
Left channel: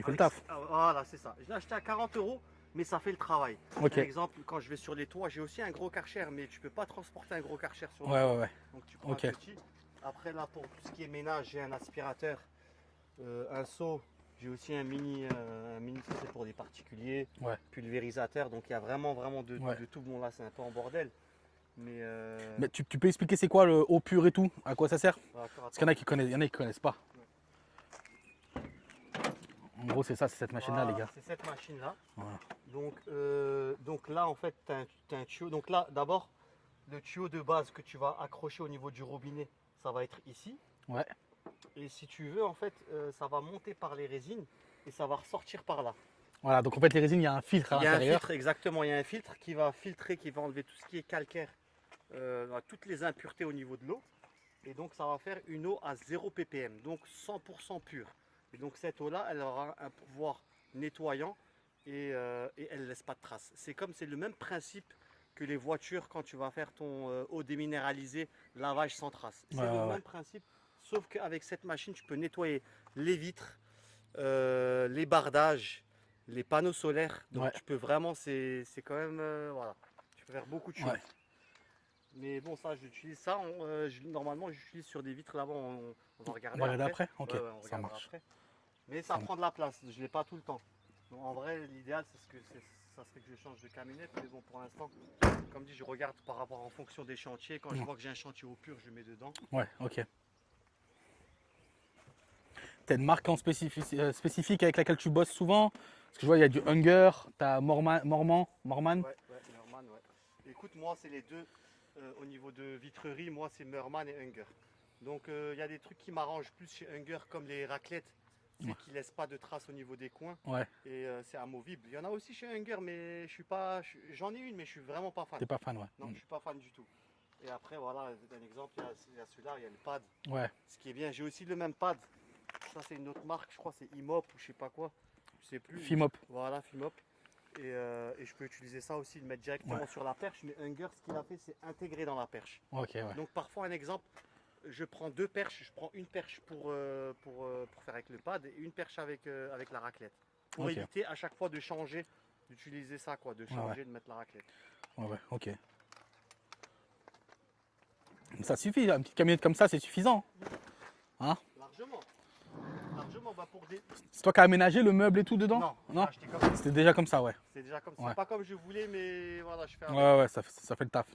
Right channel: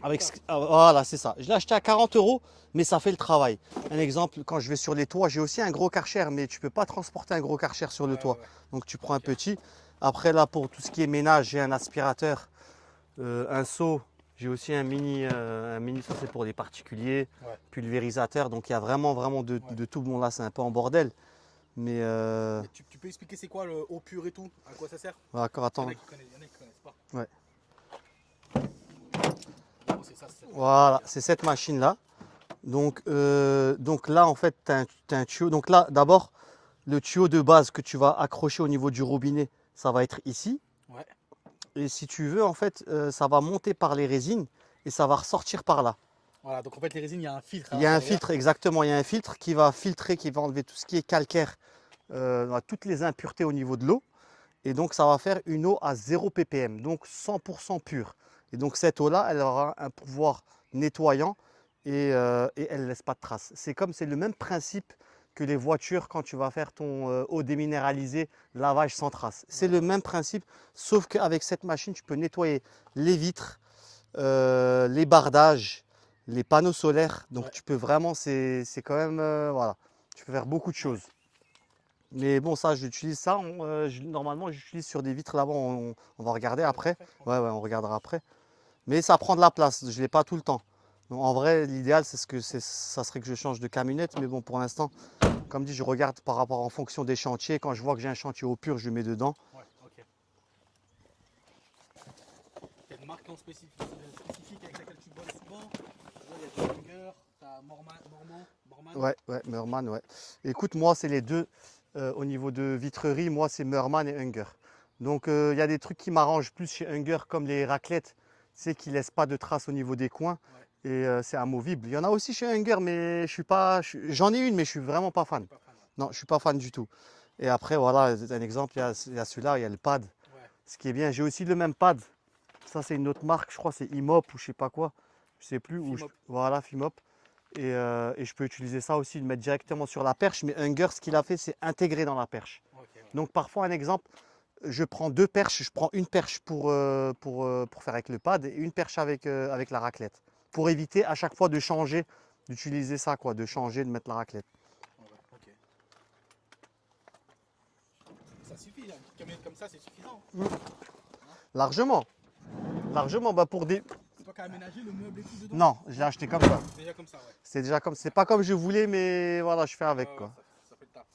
Avec Voilà, c'est ça. Je l'ai acheté à 40 €, mais ça fait le travail. Ok. Un exemple, quand je vais sur les toits, j'ai aussi un gros Karcher, mais tu ne peux pas transporter un gros Karcher sur le Ouais, toit. ouais, ouais. Donc tu prends Ok. un petit. Après là, pour tout ce qui est ménage, j'ai un aspirateur, un seau. J'ai aussi un mini, ça c'est pour les particuliers, Ouais. pulvérisateur. Donc il y a vraiment de Ouais. tout. Bon là c'est un peu en bordel. Mais, Mais tu peux expliquer c'est quoi le eau pure et tout? À quoi ça sert? d'accord, Parce qu'il attends. y en a qui connaissent, il y en a qui connaissent pas. Ouais. En gros, c'est ça, c'est cette machine. Voilà, c'est cette machine là. Donc là en fait tu as un tuyau. Donc là d'abord le tuyau de base que tu vas accrocher au niveau du robinet, ça va être ici. Ouais. Et si tu veux, en fait, ça va monter par les résines et ça va ressortir par là. Voilà, donc en fait, les résines, il y a un filtre à Il y a un l'intérieur. filtre, exactement. Il y a un filtre qui va filtrer, qui va enlever tout ce qui est calcaire, toutes les impuretés au niveau de l'eau. Et donc, ça va faire une eau à 0 ppm, donc 100% pure. Et donc, cette eau-là, elle aura un pouvoir nettoyant et elle ne laisse pas de traces. C'est le même principe que les voitures quand tu vas faire ton eau déminéralisée, lavage sans traces. C'est le même principe, sauf qu'avec cette machine, tu peux nettoyer les vitres, les bardages, les panneaux solaires. Donc, Ouais. tu peux vraiment, c'est quand même, voilà, tu peux faire beaucoup de choses. Ouais. Mais bon, ça, j'utilise ça. Normalement, j'utilise sur des vitres là-bas. On va regarder On va après. regarder après. Ok, Ouais, ouais, on ça regardera marche. après. Mais ça prend de la place. Je ne l'ai pas tout le temps. Donc, en vrai, l'idéal, ça serait que je change de camionnette. Mais bon, pour l'instant, comme dit, je regarde par rapport en fonction des chantiers. Quand je vois que j'ai un chantier au pur, je mets dedans. Ouais, ok. T'as une marque en spécifique avec laquelle tu bosses souvent? Parce que je vois, il y a du Hunger, t'as Morman. Ouais, ouais, Meurman, ouais. Écoute, moi, c'est les deux. Au niveau de vitrerie, moi, c'est Meurman et Hunger. Donc, il y a des trucs qui m'arrangent plus chez Hunger, comme les raclettes. C'est qu'ils ne laissent pas de traces au niveau des coins Ouais, et c'est amovible. Il y en a aussi chez Hunger, mais je suis pas. J'en ai une, mais je suis vraiment pas fan. t'es pas fan, ouais. Non, je suis pas fan du tout. Et après, voilà, un exemple, il y a celui-là, il y a le pad. Ouais, Ce qui est bien, j'ai aussi le même pad. Ça, c'est une autre marque, je crois, c'est Imop ou je sais pas quoi. Je sais plus. Fimop. Voilà, Fimop. Et je peux utiliser ça aussi, le mettre directement Ouais. sur la perche. Mais Hunger, ce qu'il a fait, c'est intégrer dans la perche. ok, ouais. Donc parfois, un exemple, je prends deux perches. Je prends une perche pour faire avec le pad et une perche avec la raclette. Pour Ok. éviter à chaque fois de changer, d'utiliser ça, quoi, de changer, de mettre la raclette. Ouais, ouais, ok. Ça suffit, une petite camionnette comme ça, c'est suffisant. Largement. Largement, bah pour des. C'est toi qui as aménagé le meuble et tout dedans? Non, j'ai acheté comme ça. C'est déjà comme ça, ouais. C'est déjà comme. C'est Ouais. pas comme je voulais, mais voilà, je fais avec. Ouais, quoi. ouais, ça fait le taf.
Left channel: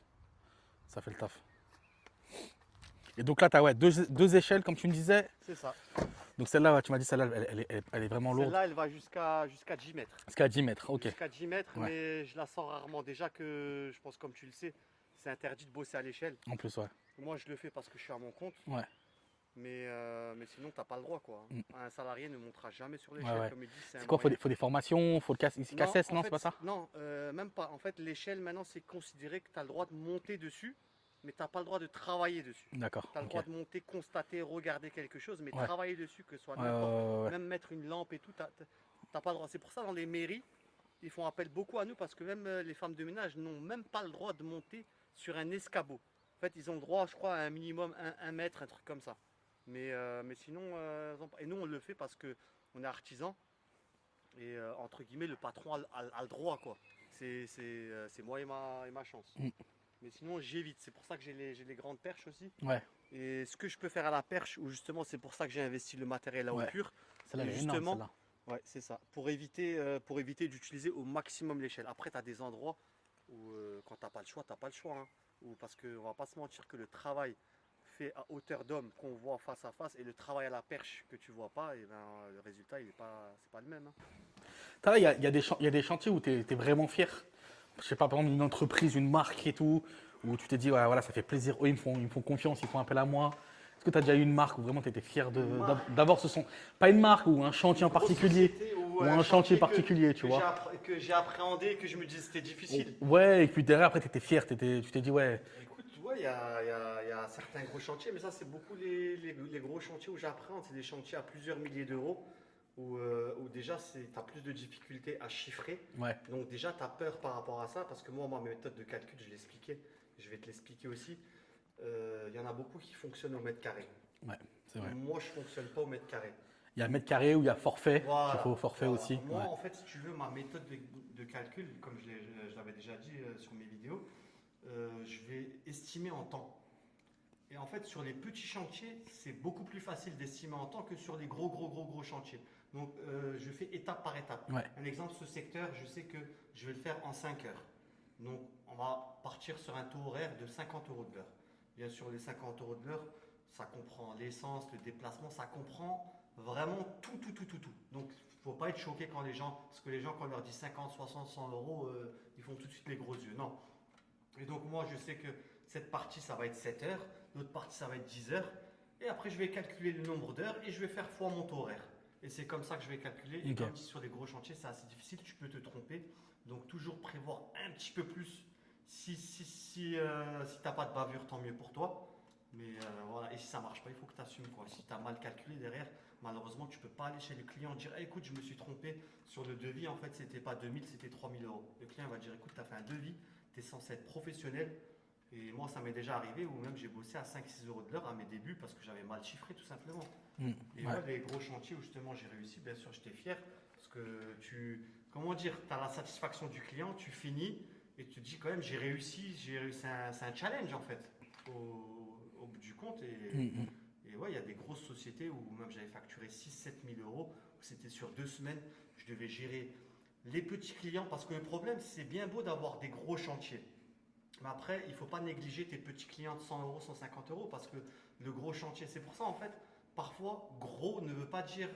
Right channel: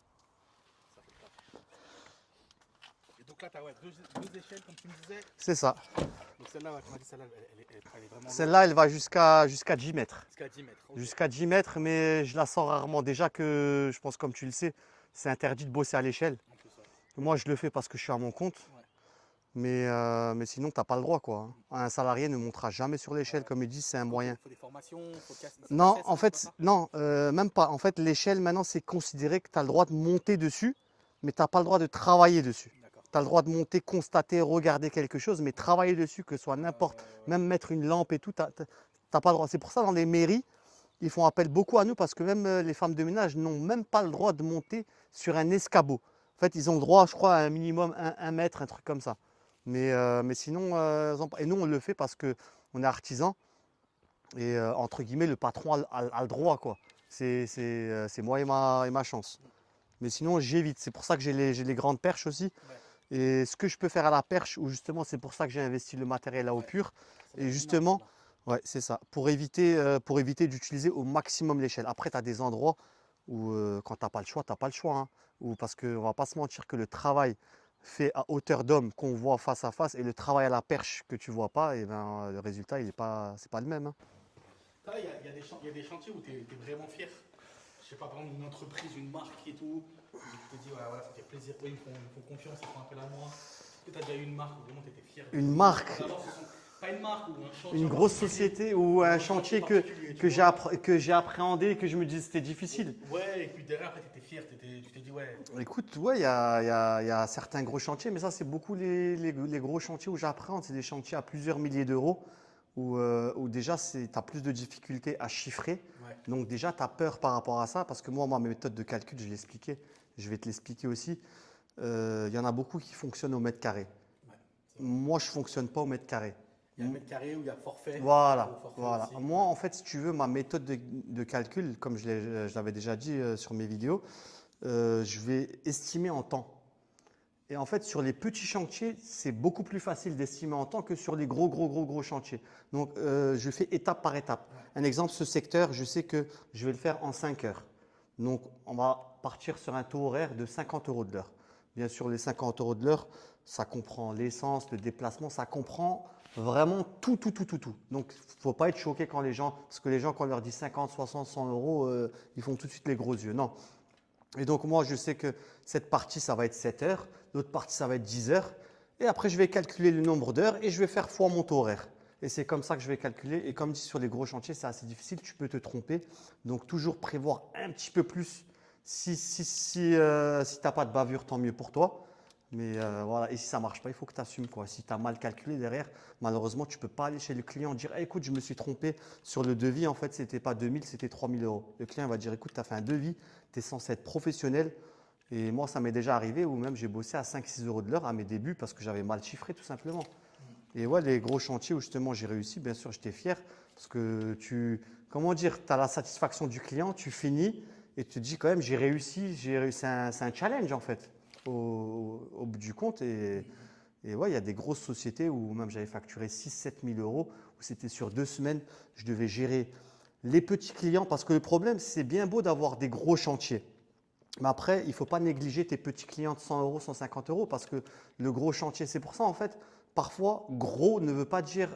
Ça fait le taf. Et donc là, tu as ouais, deux échelles, comme tu me disais. C'est ça. Donc celle-là, ouais, tu m'as dit, celle-là, elle est vraiment lourde. Celle-là, elle va jusqu'à 10 mètres. Jusqu'à 10 mètres, ok. Jusqu'à 10 mètres, Ouais. mais je la sors rarement. Déjà que, je pense, comme tu le sais, c'est interdit de bosser à l'échelle. En plus, ouais. Moi, je le fais parce que je suis à mon compte. Ouais. Mais sinon, tu n'as pas le droit, quoi. Un salarié ne montera jamais sur l'échelle. ouais. Comme il dit, c'est un C'est quoi, moyen. faut des formations, faut le casser. Non, CACES, en c'est fait, pas ça? non, même pas. En fait, l'échelle, maintenant, c'est considéré que tu as le droit de monter dessus, mais tu n'as pas le droit de travailler dessus. D'accord. Tu as le droit de monter, constater, regarder quelque chose, mais Ouais. travailler dessus, que ce soit n'importe, ouais. même mettre une lampe et tout, tu n'as pas le droit. C'est pour ça, dans les mairies, ils font appel beaucoup à nous, parce que même les femmes de ménage n'ont même pas le droit de monter sur un escabeau. En fait, ils ont le droit, je crois, à un minimum 1 mètre, un truc comme ça. Mais sinon, et nous, on le fait parce qu'on est artisan. Et entre guillemets, le patron a le droit, quoi. C'est moi et ma chance. Mm. Mais sinon, j'évite. C'est pour ça que j'ai les grandes perches aussi. Ouais. Et ce que je peux faire à la perche, ou justement, c'est pour ça que j'ai investi le matériel à eau Ouais. pure. Celle-là, Et elle est justement, énorme, ouais, c'est ça. Pour éviter d'utiliser au maximum l'échelle. Après, tu as des endroits où, quand tu n'as pas le choix, tu n'as pas le choix. Hein. Ou parce qu'on ne va pas se mentir que le travail fait à hauteur d'homme qu'on voit face à face et le travail à la perche que tu ne vois pas, et ben, le résultat, c'est pas le même. Hein. Il y a des chantiers où tu es vraiment fier. Je sais pas, par exemple, une entreprise, une marque et tout, où tu t'es dit, ouais, voilà, ça fait plaisir. Eux, ils me font confiance, ils font appel à moi. Est-ce que tu as déjà eu une marque où vraiment tu étais fier de. Une marque. D'abord, pas une marque ou un chantier Une en grosse particulier. société ou Ou un un chantier chantier particulier, tu que vois. que j'ai appréhendé et que je me disais c'était difficile. Ouais, et puis derrière, après, tu étais fier. Tu t'es dit, ouais. Écoute, ouais, il y a certains gros chantiers, mais ça, c'est beaucoup les gros chantiers où j'appréhende. C'est des chantiers à plusieurs milliers d'euros où déjà, tu as plus de difficultés à chiffrer. Ouais, Donc, déjà, tu as peur par rapport à ça parce que moi, ma méthode de calcul, je l'expliquais. Je vais te l'expliquer aussi. Il y en a beaucoup qui fonctionnent au mètre carré. ouais, c'est vrai. Moi, je ne fonctionne pas au mètre carré. Il y a le mètre carré où il y a forfait. Voilà. Il faut forfait Voilà. aussi. Moi, Ouais. en fait, si tu veux, ma méthode de calcul, comme je l'avais déjà dit sur mes vidéos, je vais estimer en temps. Et en fait, sur les petits chantiers, c'est beaucoup plus facile d'estimer en temps que sur les gros chantiers. Donc, je fais étape par étape. Ouais. Un exemple, ce secteur, je sais que je vais le faire en 5 heures. Donc, on va partir sur un taux horaire de 50 € de l'heure. Bien sûr, les 50 € de l'heure, ça comprend l'essence, le déplacement, ça comprend vraiment tout. Donc, il ne faut pas être choqué quand parce que les gens, quand on leur dit 50, 60, 100 €, ils font tout de suite les gros yeux. Non. Et donc, moi, je sais que cette partie, ça va être 7 heures. l'autre partie, ça va être 10 heures. Et après, je vais calculer le nombre d'heures et je vais faire fois mon taux horaire. Et c'est comme ça que je vais calculer. Et comme dit, sur les gros chantiers, c'est assez difficile, tu peux te tromper. Donc, toujours prévoir un petit peu plus. Si tu n'as pas de bavure, tant mieux pour toi. Mais voilà, et si ça ne marche pas, il faut que tu assumes, quoi. Si tu as mal calculé derrière, malheureusement, tu ne peux pas aller chez le client et dire ah, écoute, je me suis trompé sur le devis. En fait, ce n'était pas 2000, c'était 3000 euros. Le client va dire écoute, tu as fait un devis, tu es censé être professionnel. Et moi, ça m'est déjà arrivé où même j'ai bossé à 5-6 euros de l'heure à mes débuts parce que j'avais mal chiffré, tout simplement. Et ouais, les gros chantiers où justement j'ai réussi, bien sûr, j'étais fier parce que comment dire, tu as la satisfaction du client, tu finis et tu te dis quand même, j'ai réussi. C'est un challenge en fait au bout du compte. Et ouais, il y a des grosses sociétés où même j'avais facturé 6-7 000 euros, où c'était sur 2 semaines, je devais gérer les petits clients parce que le problème, c'est bien beau d'avoir des gros chantiers. Mais après, il ne faut pas négliger tes petits clients de 100 euros, 150 euros parce que le gros chantier, c'est pour ça en fait, parfois, gros ne veut pas dire,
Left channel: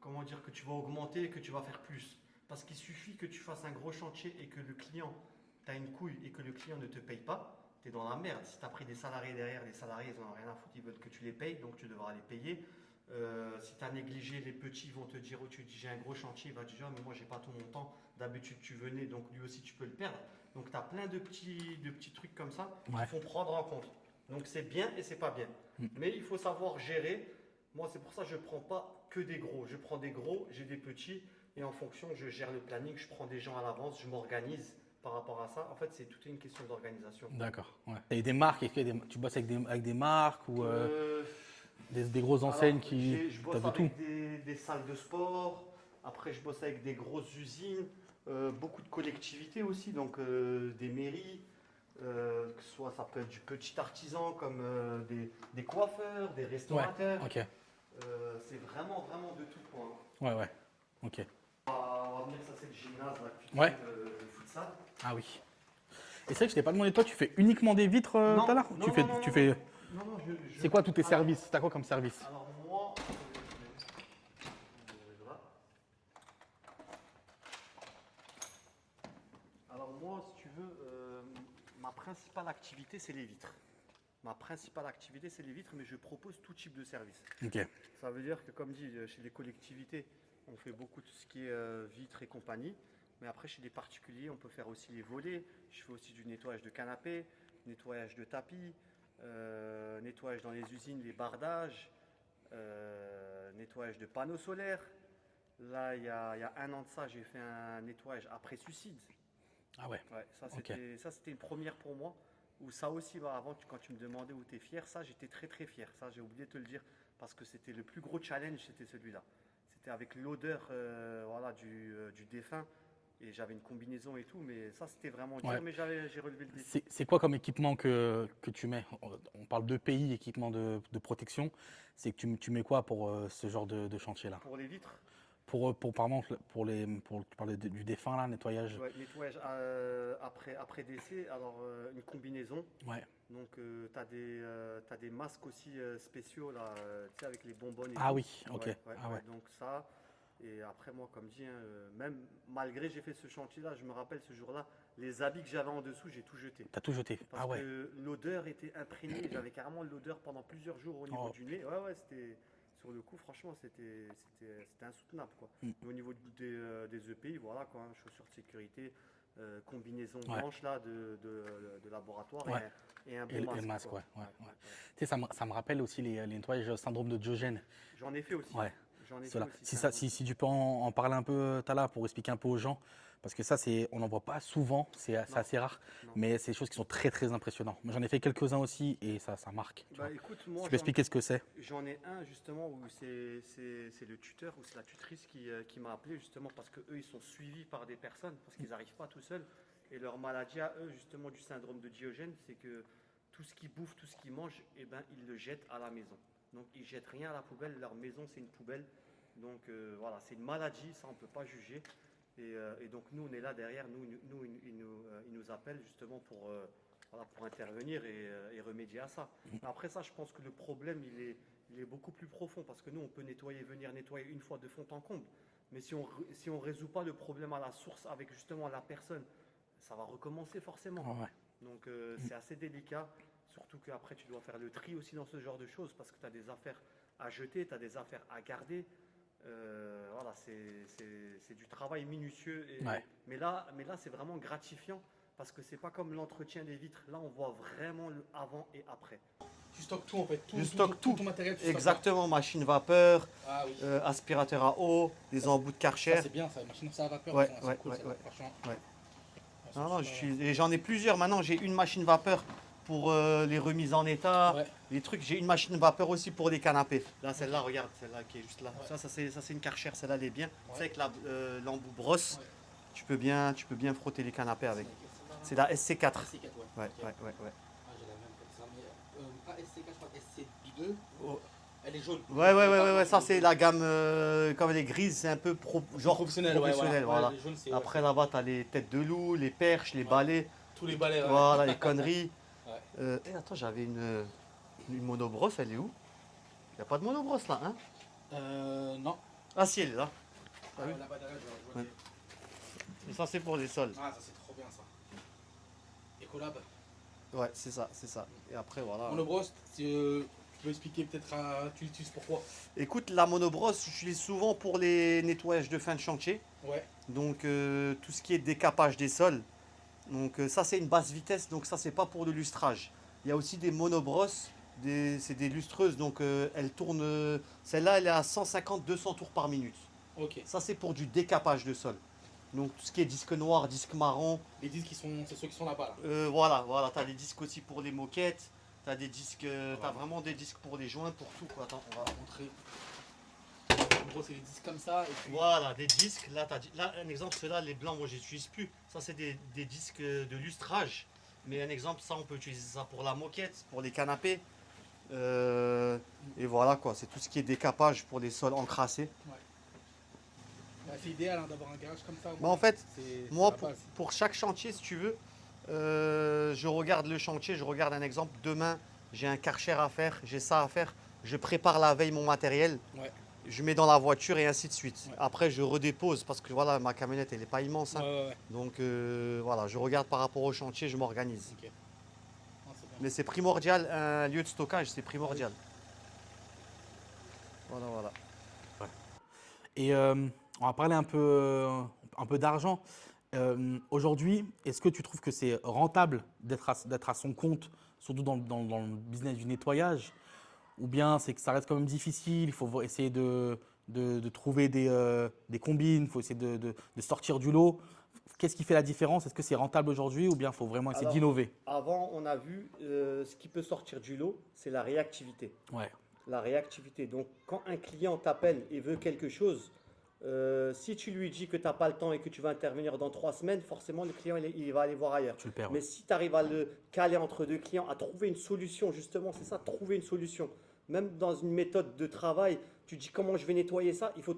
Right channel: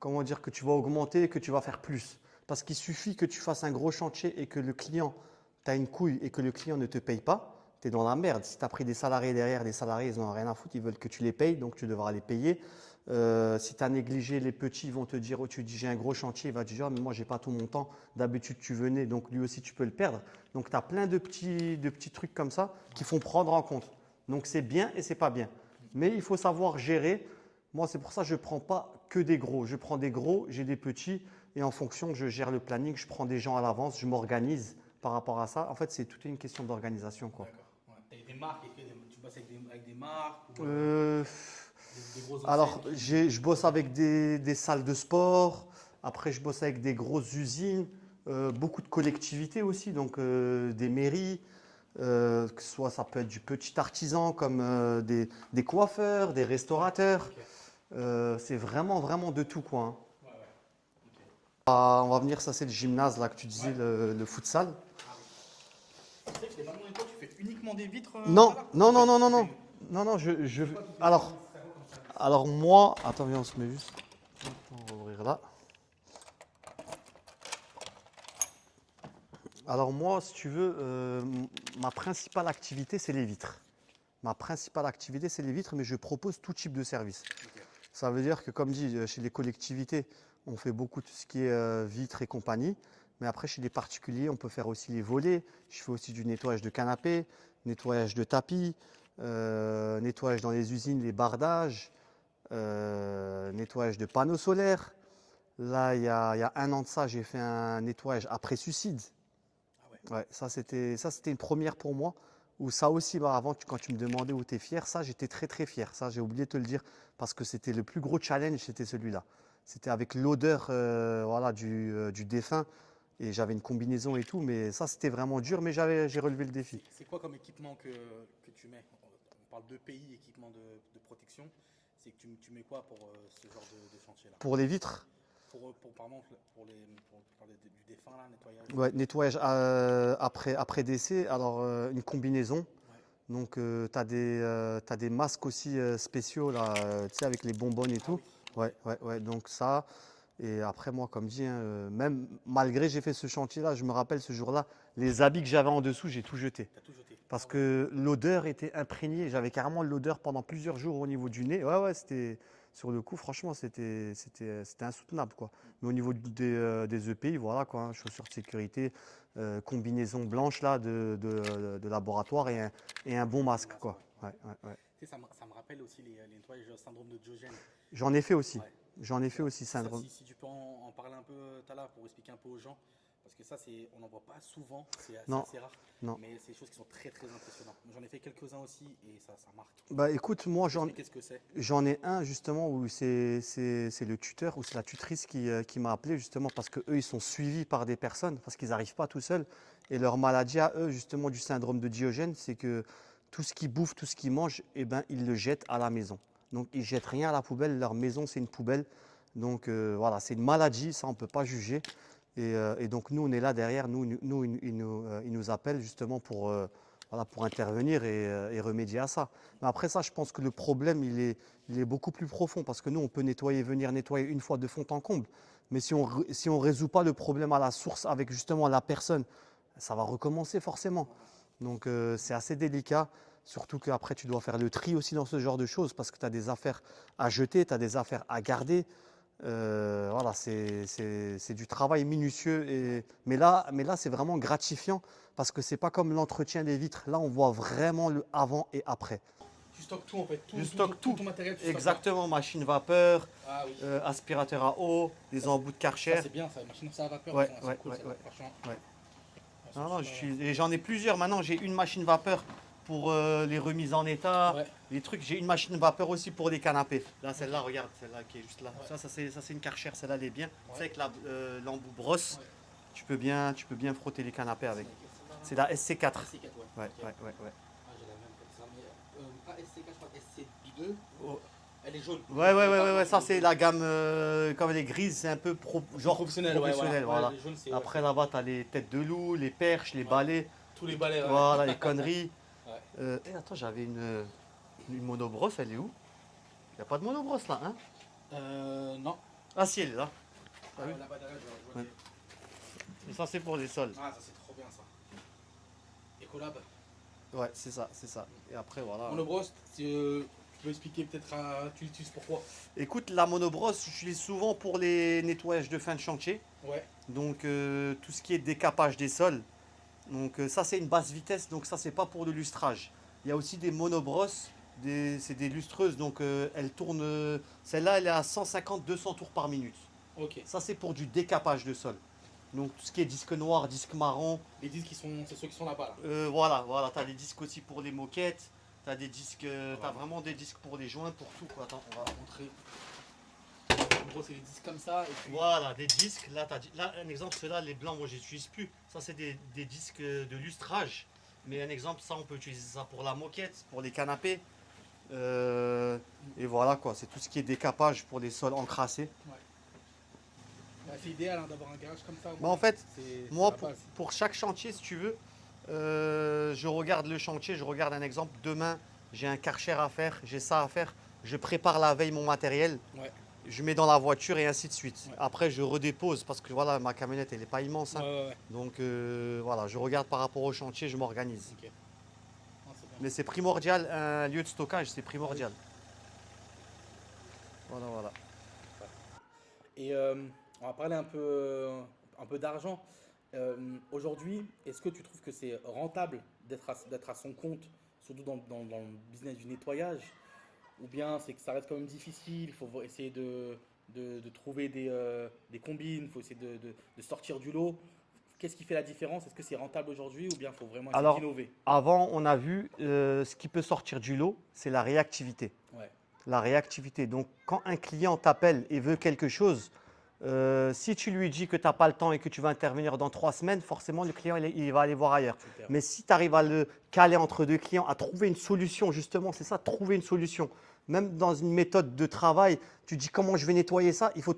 comment dire que tu vas augmenter et que tu vas faire plus. Parce qu'il suffit que tu fasses un gros chantier et que le client, tu as une couille et que le client ne te paye pas, tu es dans la merde. Si tu as pris des salariés derrière, les salariés, ils n'en ont rien à foutre, ils veulent que tu les payes, donc tu devras les payer. Si tu as négligé les petits, ils vont te dire, oh, tu dis j'ai un gros chantier, il va te dire, mais moi j'ai pas tout mon temps, d'habitude tu venais, donc lui aussi tu peux le perdre. Donc tu as plein de petits trucs comme ça qui font prendre en compte. Donc c'est bien et c'est pas bien. Mais il faut savoir gérer. Moi c'est pour ça que je ne prends pas que des gros. Je prends des gros, j'ai des petits et en fonction je gère le planning, je prends des gens à l'avance, je m'organise par rapport à ça. En fait c'est toute une question d'organisation. D'accord. Ouais. Tu as des marques, tu bosses avec des marques ou des grosses Alors, enseignes je bosse avec des salles de sport. Après, je bosse avec des grosses usines, beaucoup de collectivités aussi, donc des mairies. Que ce soit, ça peut être du petit artisan comme des coiffeurs, des restaurateurs. Ok. C'est vraiment, vraiment de tout, quoi. Hein. Ouais, ouais. Ok. On va venir, ça c'est le gymnase là que tu disais, Ouais. le futsal. Ah oui. Et c'est vrai que je t'ai pas demandé, toi, tu fais uniquement des vitres Non, tout à l'heure non, Tu non, fais- non, tu non, fais- non. Non, non, C'est quoi tous tes alors, services T'as quoi comme service Alors moi, attends, viens, on se met juste. On va ouvrir là. Alors moi, si tu veux, ma principale activité, c'est les vitres. Ma principale activité, c'est les vitres, mais je propose tout type de service. Ok. Ça veut dire que, comme dit, chez les collectivités, on fait beaucoup tout ce qui est vitres et compagnie. Mais après, chez les particuliers, on peut faire aussi les volets. Je fais aussi du nettoyage de canapés, nettoyage de tapis, nettoyage dans les usines, les bardages, nettoyage de panneaux solaires. Là, il y a 1 an de ça, j'ai fait un nettoyage après suicide. Ah ouais. Ouais, ça, c'était une première pour moi. Ou ça aussi, bah, avant, quand tu me demandais où tu es fier, ça, j'étais très, très fier. Ça, j'ai oublié de te le dire parce que c'était le plus gros challenge, c'était celui-là. C'était avec l'odeur voilà, du défunt et j'avais une combinaison et tout, mais ça, c'était vraiment dur, Ouais. mais j'ai relevé le défi. C'est quoi comme équipement que tu mets On parle de pays, équipement de protection. C'est que tu mets quoi pour ce genre de chantier-là Pour les vitres, par exemple, tu parlais du défunt, là, nettoyage. ouais, nettoyage après décès, alors une combinaison. Ouais. Donc, t'as des masques aussi spéciaux, là, tu sais, avec les bonbonnes et Ah tout. oui, ok. Ouais, ouais, Ah ouais. ouais. Donc ça, et après moi, comme dit, hein, même malgré j'ai fait ce chantier-là, je me rappelle ce jour-là, les habits que j'avais en dessous, j'ai tout jeté. T'as tout jeté. Parce Ah ouais. que l'odeur était imprégnée. J'avais carrément l'odeur pendant plusieurs jours au niveau Oh. du nez. Ouais, ouais, c'était sur le coup, franchement, c'était insoutenable, quoi. Mais au niveau des EPI, voilà, quoi, hein, chaussures de sécurité, combinaison blanche là de laboratoire Ouais. et un Et bon le masque, masque, quoi. ouais, ouais, Ouais, ouais. ouais, ouais. Tu sais, ça me rappelle aussi les nettoyages syndrome de Diogène. J'en ai fait aussi. Ouais. J'en ai C'est fait là. aussi. Si tu peux en parler un peu, Tala, pour expliquer un peu aux gens, parce que ça, on n'en voit pas souvent, c'est Non. assez rare, Non. mais c'est des choses qui sont très très impressionnantes. Moi, j'en ai fait quelques-uns aussi et ça marque. Bah écoute, moi Tu peux expliquer ce que c'est j'en ai un justement où c'est le tuteur ou c'est la tutrice qui m'a appelé justement parce que eux ils sont suivis par des personnes parce qu'ils n'arrivent pas tout seuls et leur maladie à eux justement du syndrome de Diogène, c'est que tout ce qu'ils bouffent, tout ce qu'ils mangent, eh ben ils le jettent à la maison. Donc ils jettent rien à la poubelle, leur maison c'est une poubelle. Donc voilà, c'est une maladie, ça on peut pas juger. Et donc nous on est là derrière, ils nous appellent justement voilà, pour intervenir et remédier à ça. Mais après ça, je pense que le problème, il est beaucoup plus profond parce que nous, on peut venir nettoyer une fois de fond en comble. Mais si on ne résout pas le problème à la source avec justement la personne, ça va recommencer forcément. Ouais. Donc c'est assez délicat. Surtout qu'après, tu dois faire le tri aussi dans ce genre de choses parce que tu as des affaires à jeter, tu as des affaires à garder. Voilà, c'est du travail minutieux. Ouais. Mais là, c'est vraiment gratifiant parce que c'est pas comme l'entretien des vitres. Là, on voit vraiment le avant et après. Tu stockes tout en fait. Je stocke tout. ton matériel, tu stockes Exactement, machine vapeur, là. Ah oui. aspirateur à eau, des embouts de Karcher. Ça, c'est bien, ça. Machine à vapeur, Ouais, elles sont ouais, cool, ouais, celles-là, ouais. franchement. Ouais. Elles sont Non, non, super bien. et j'en ai plusieurs. Maintenant, j'ai une machine vapeur pour les remises en état, Ouais. les trucs. J'ai une machine vapeur aussi pour les canapés. Là, celle-là, regarde, celle-là qui est juste là. Ouais. Ça c'est une Karcher, celle-là, elle est bien. Ouais. C'est avec l'embout brosse. Ouais. Tu peux bien frotter les canapés avec. C'est C'est la SC4. SC4, ouais. Ouais, Ok. ouais. Ah, j'ai la même comme ça, mais pas SC4, je crois SC2. Oh. Elle est jaune. Ouais, ça c'est la gamme, comme elle est grise, c'est un peu genre Professionnel, professionnel, voilà. Ouais, les jaunes, c'est Après là-bas, tu as les têtes de loup, les perches, les balais, tous les balais. Ouais. voilà, les conneries. Ouais. Attends, j'avais une monobrosse, elle est où? Il n'y a pas de monobrosse là, hein? Non. Ah si, elle est là. Ah, oui. là-bas derrière, je vois Ouais. Et ça c'est pour les sols. Ah, ça c'est trop bien ça. Ecolab. Ouais, c'est ça. Et après voilà. Monobrosse, tu peux expliquer peut-être, tu l'utilises pourquoi? Écoute, la monobrosse, j'utilise souvent pour les nettoyages de fin de chantier. Ouais. Donc tout ce qui est décapage des sols. Donc ça c'est une basse vitesse, donc ça c'est pas pour le lustrage. Il y a aussi des monobrosses, c'est des lustreuses, donc elles tournent. Celle-là elle est à 150-200 tours par minute. Ok. Ça c'est pour du décapage de sol. Donc tout ce qui est disque noir, disque marron. Les disques c'est ceux qui sont là-bas. Voilà, tu as des disques aussi pour les moquettes. Tu as des disques, t'as vraiment des disques pour les joints, pour tout quoi. Attends, on va montrer. En gros, c'est des disques comme ça. Et puis... Voilà, des disques. Là, là un exemple, ceux-là, les blancs, moi, je n'utilise plus. Ça, c'est des disques de lustrage. Mais un exemple, ça, on peut utiliser ça pour la moquette, pour les canapés. Et voilà, quoi. C'est tout ce qui est décapage pour les sols encrassés. Ouais. Bah, c'est idéal hein, d'avoir un garage comme ça. Bah, en fait, c'est moi, la base. pour chaque chantier, si tu veux, je regarde le chantier, je regarde un exemple. Demain, j'ai un Karcher à faire, j'ai ça à faire. Je prépare la veille mon matériel. Ouais. Je mets dans la voiture et ainsi de suite. Ouais. Après, je redépose parce que voilà, ma camionnette, elle n'est pas immense. Hein. Ouais. Donc voilà, je regarde par rapport au chantier, je m'organise. Ok. Non, c'est bien. Mais c'est primordial, un lieu de stockage, c'est primordial. Voilà. Et on va parler un peu d'argent. Aujourd'hui, est-ce que tu trouves que c'est rentable d'être à son compte, surtout dans le business du nettoyage? Ou bien c'est que ça reste quand même difficile, il faut essayer de trouver des combines, il faut essayer de sortir du lot. Qu'est-ce qui fait la différence? Est-ce que c'est rentable aujourd'hui ou bien il faut vraiment essayer Alors, d'innover? Avant, on a vu ce qui peut sortir du lot, c'est la réactivité. Ouais. La réactivité. Donc, quand un client t'appelle et veut quelque chose, si tu lui dis que tu n'as pas le temps et que tu vas intervenir dans 3 semaines, forcément, le client il va aller voir ailleurs. Super. Mais si tu arrives à le caler entre deux clients, à trouver une solution, justement, c'est ça, trouver une solution. Même dans une méthode de travail, tu dis comment je vais nettoyer ça, il faut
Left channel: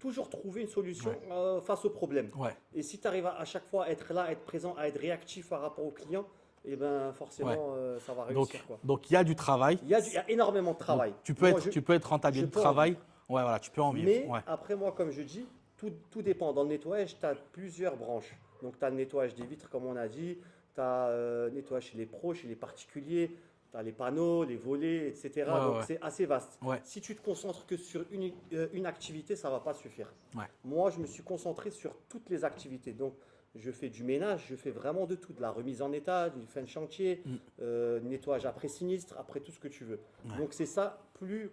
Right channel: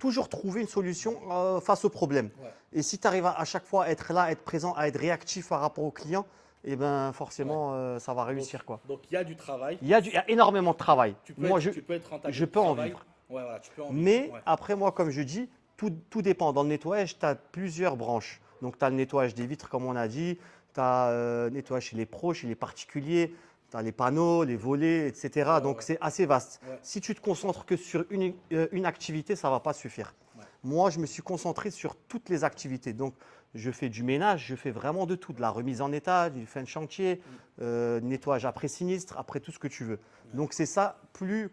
toujours trouver une solution face au problème. Ouais. Et si tu arrives à chaque fois à être là, à être présent, à être réactif par rapport au client, et ben forcément, ça va réussir. Donc il y a du travail. Il y a énormément de travail. Tu peux Moi, être rentable je du peux en travail. vivre. Ouais, voilà, tu peux en vivre. Mais Ouais. après, moi, comme je dis, tout dépend. Dans le nettoyage, tu as plusieurs branches. Donc, tu as le nettoyage des vitres, comme on a dit. Tu as le nettoyage chez les pros, chez les particuliers. Tu as les panneaux, les volets, etc. Ouais, Donc, ouais. c'est assez vaste. Ouais. Si tu te concentres que sur une activité, ça ne va pas suffire. Ouais. Moi, je me suis concentré sur toutes les activités. Donc, je fais du ménage, je fais vraiment de tout. De la remise en état, du fin de chantier, nettoyage après sinistre, après tout ce que tu veux. Ouais. Donc, c'est ça.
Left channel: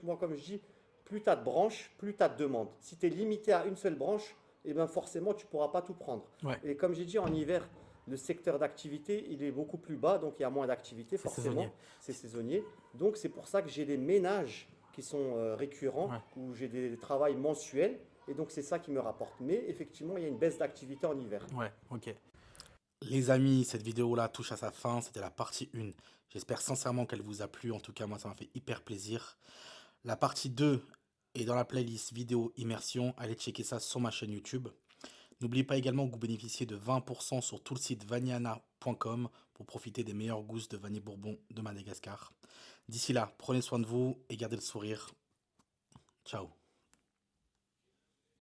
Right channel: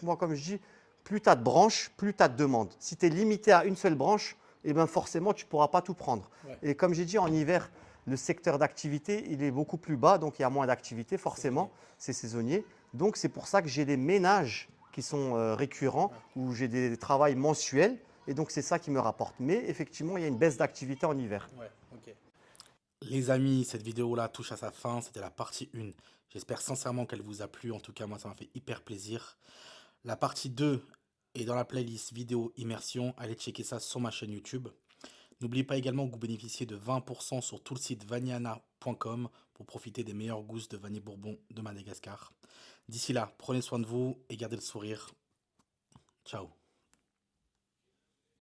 Moi, comme je dis, plus tu as de branches, plus tu as de demandes. Si tu es limité à une seule branche, eh ben forcément, tu ne pourras pas tout prendre. Ouais. Et comme j'ai dit, en hiver, le secteur d'activité, il est beaucoup plus bas, donc il y a moins d'activité, forcément. C'est saisonnier. Donc, c'est pour ça que j'ai des ménages qui sont récurrents, où j'ai des travails mensuels. Et donc, c'est ça qui me rapporte. Mais effectivement, il y a une baisse d'activité en hiver. Ouais, ok. Les amis, cette vidéo-là touche à sa fin. C'était la partie 1. J'espère sincèrement qu'elle vous a plu. En tout cas, moi, ça m'a fait hyper plaisir. La partie 2 est dans la playlist vidéo immersion. Allez checker ça sur ma chaîne YouTube. N'oubliez pas également que vous bénéficiez de 20% sur tout le site vanillana.com pour profiter des meilleures gousses de vanille bourbon de Madagascar. D'ici là, prenez soin de vous et gardez le sourire. Ciao.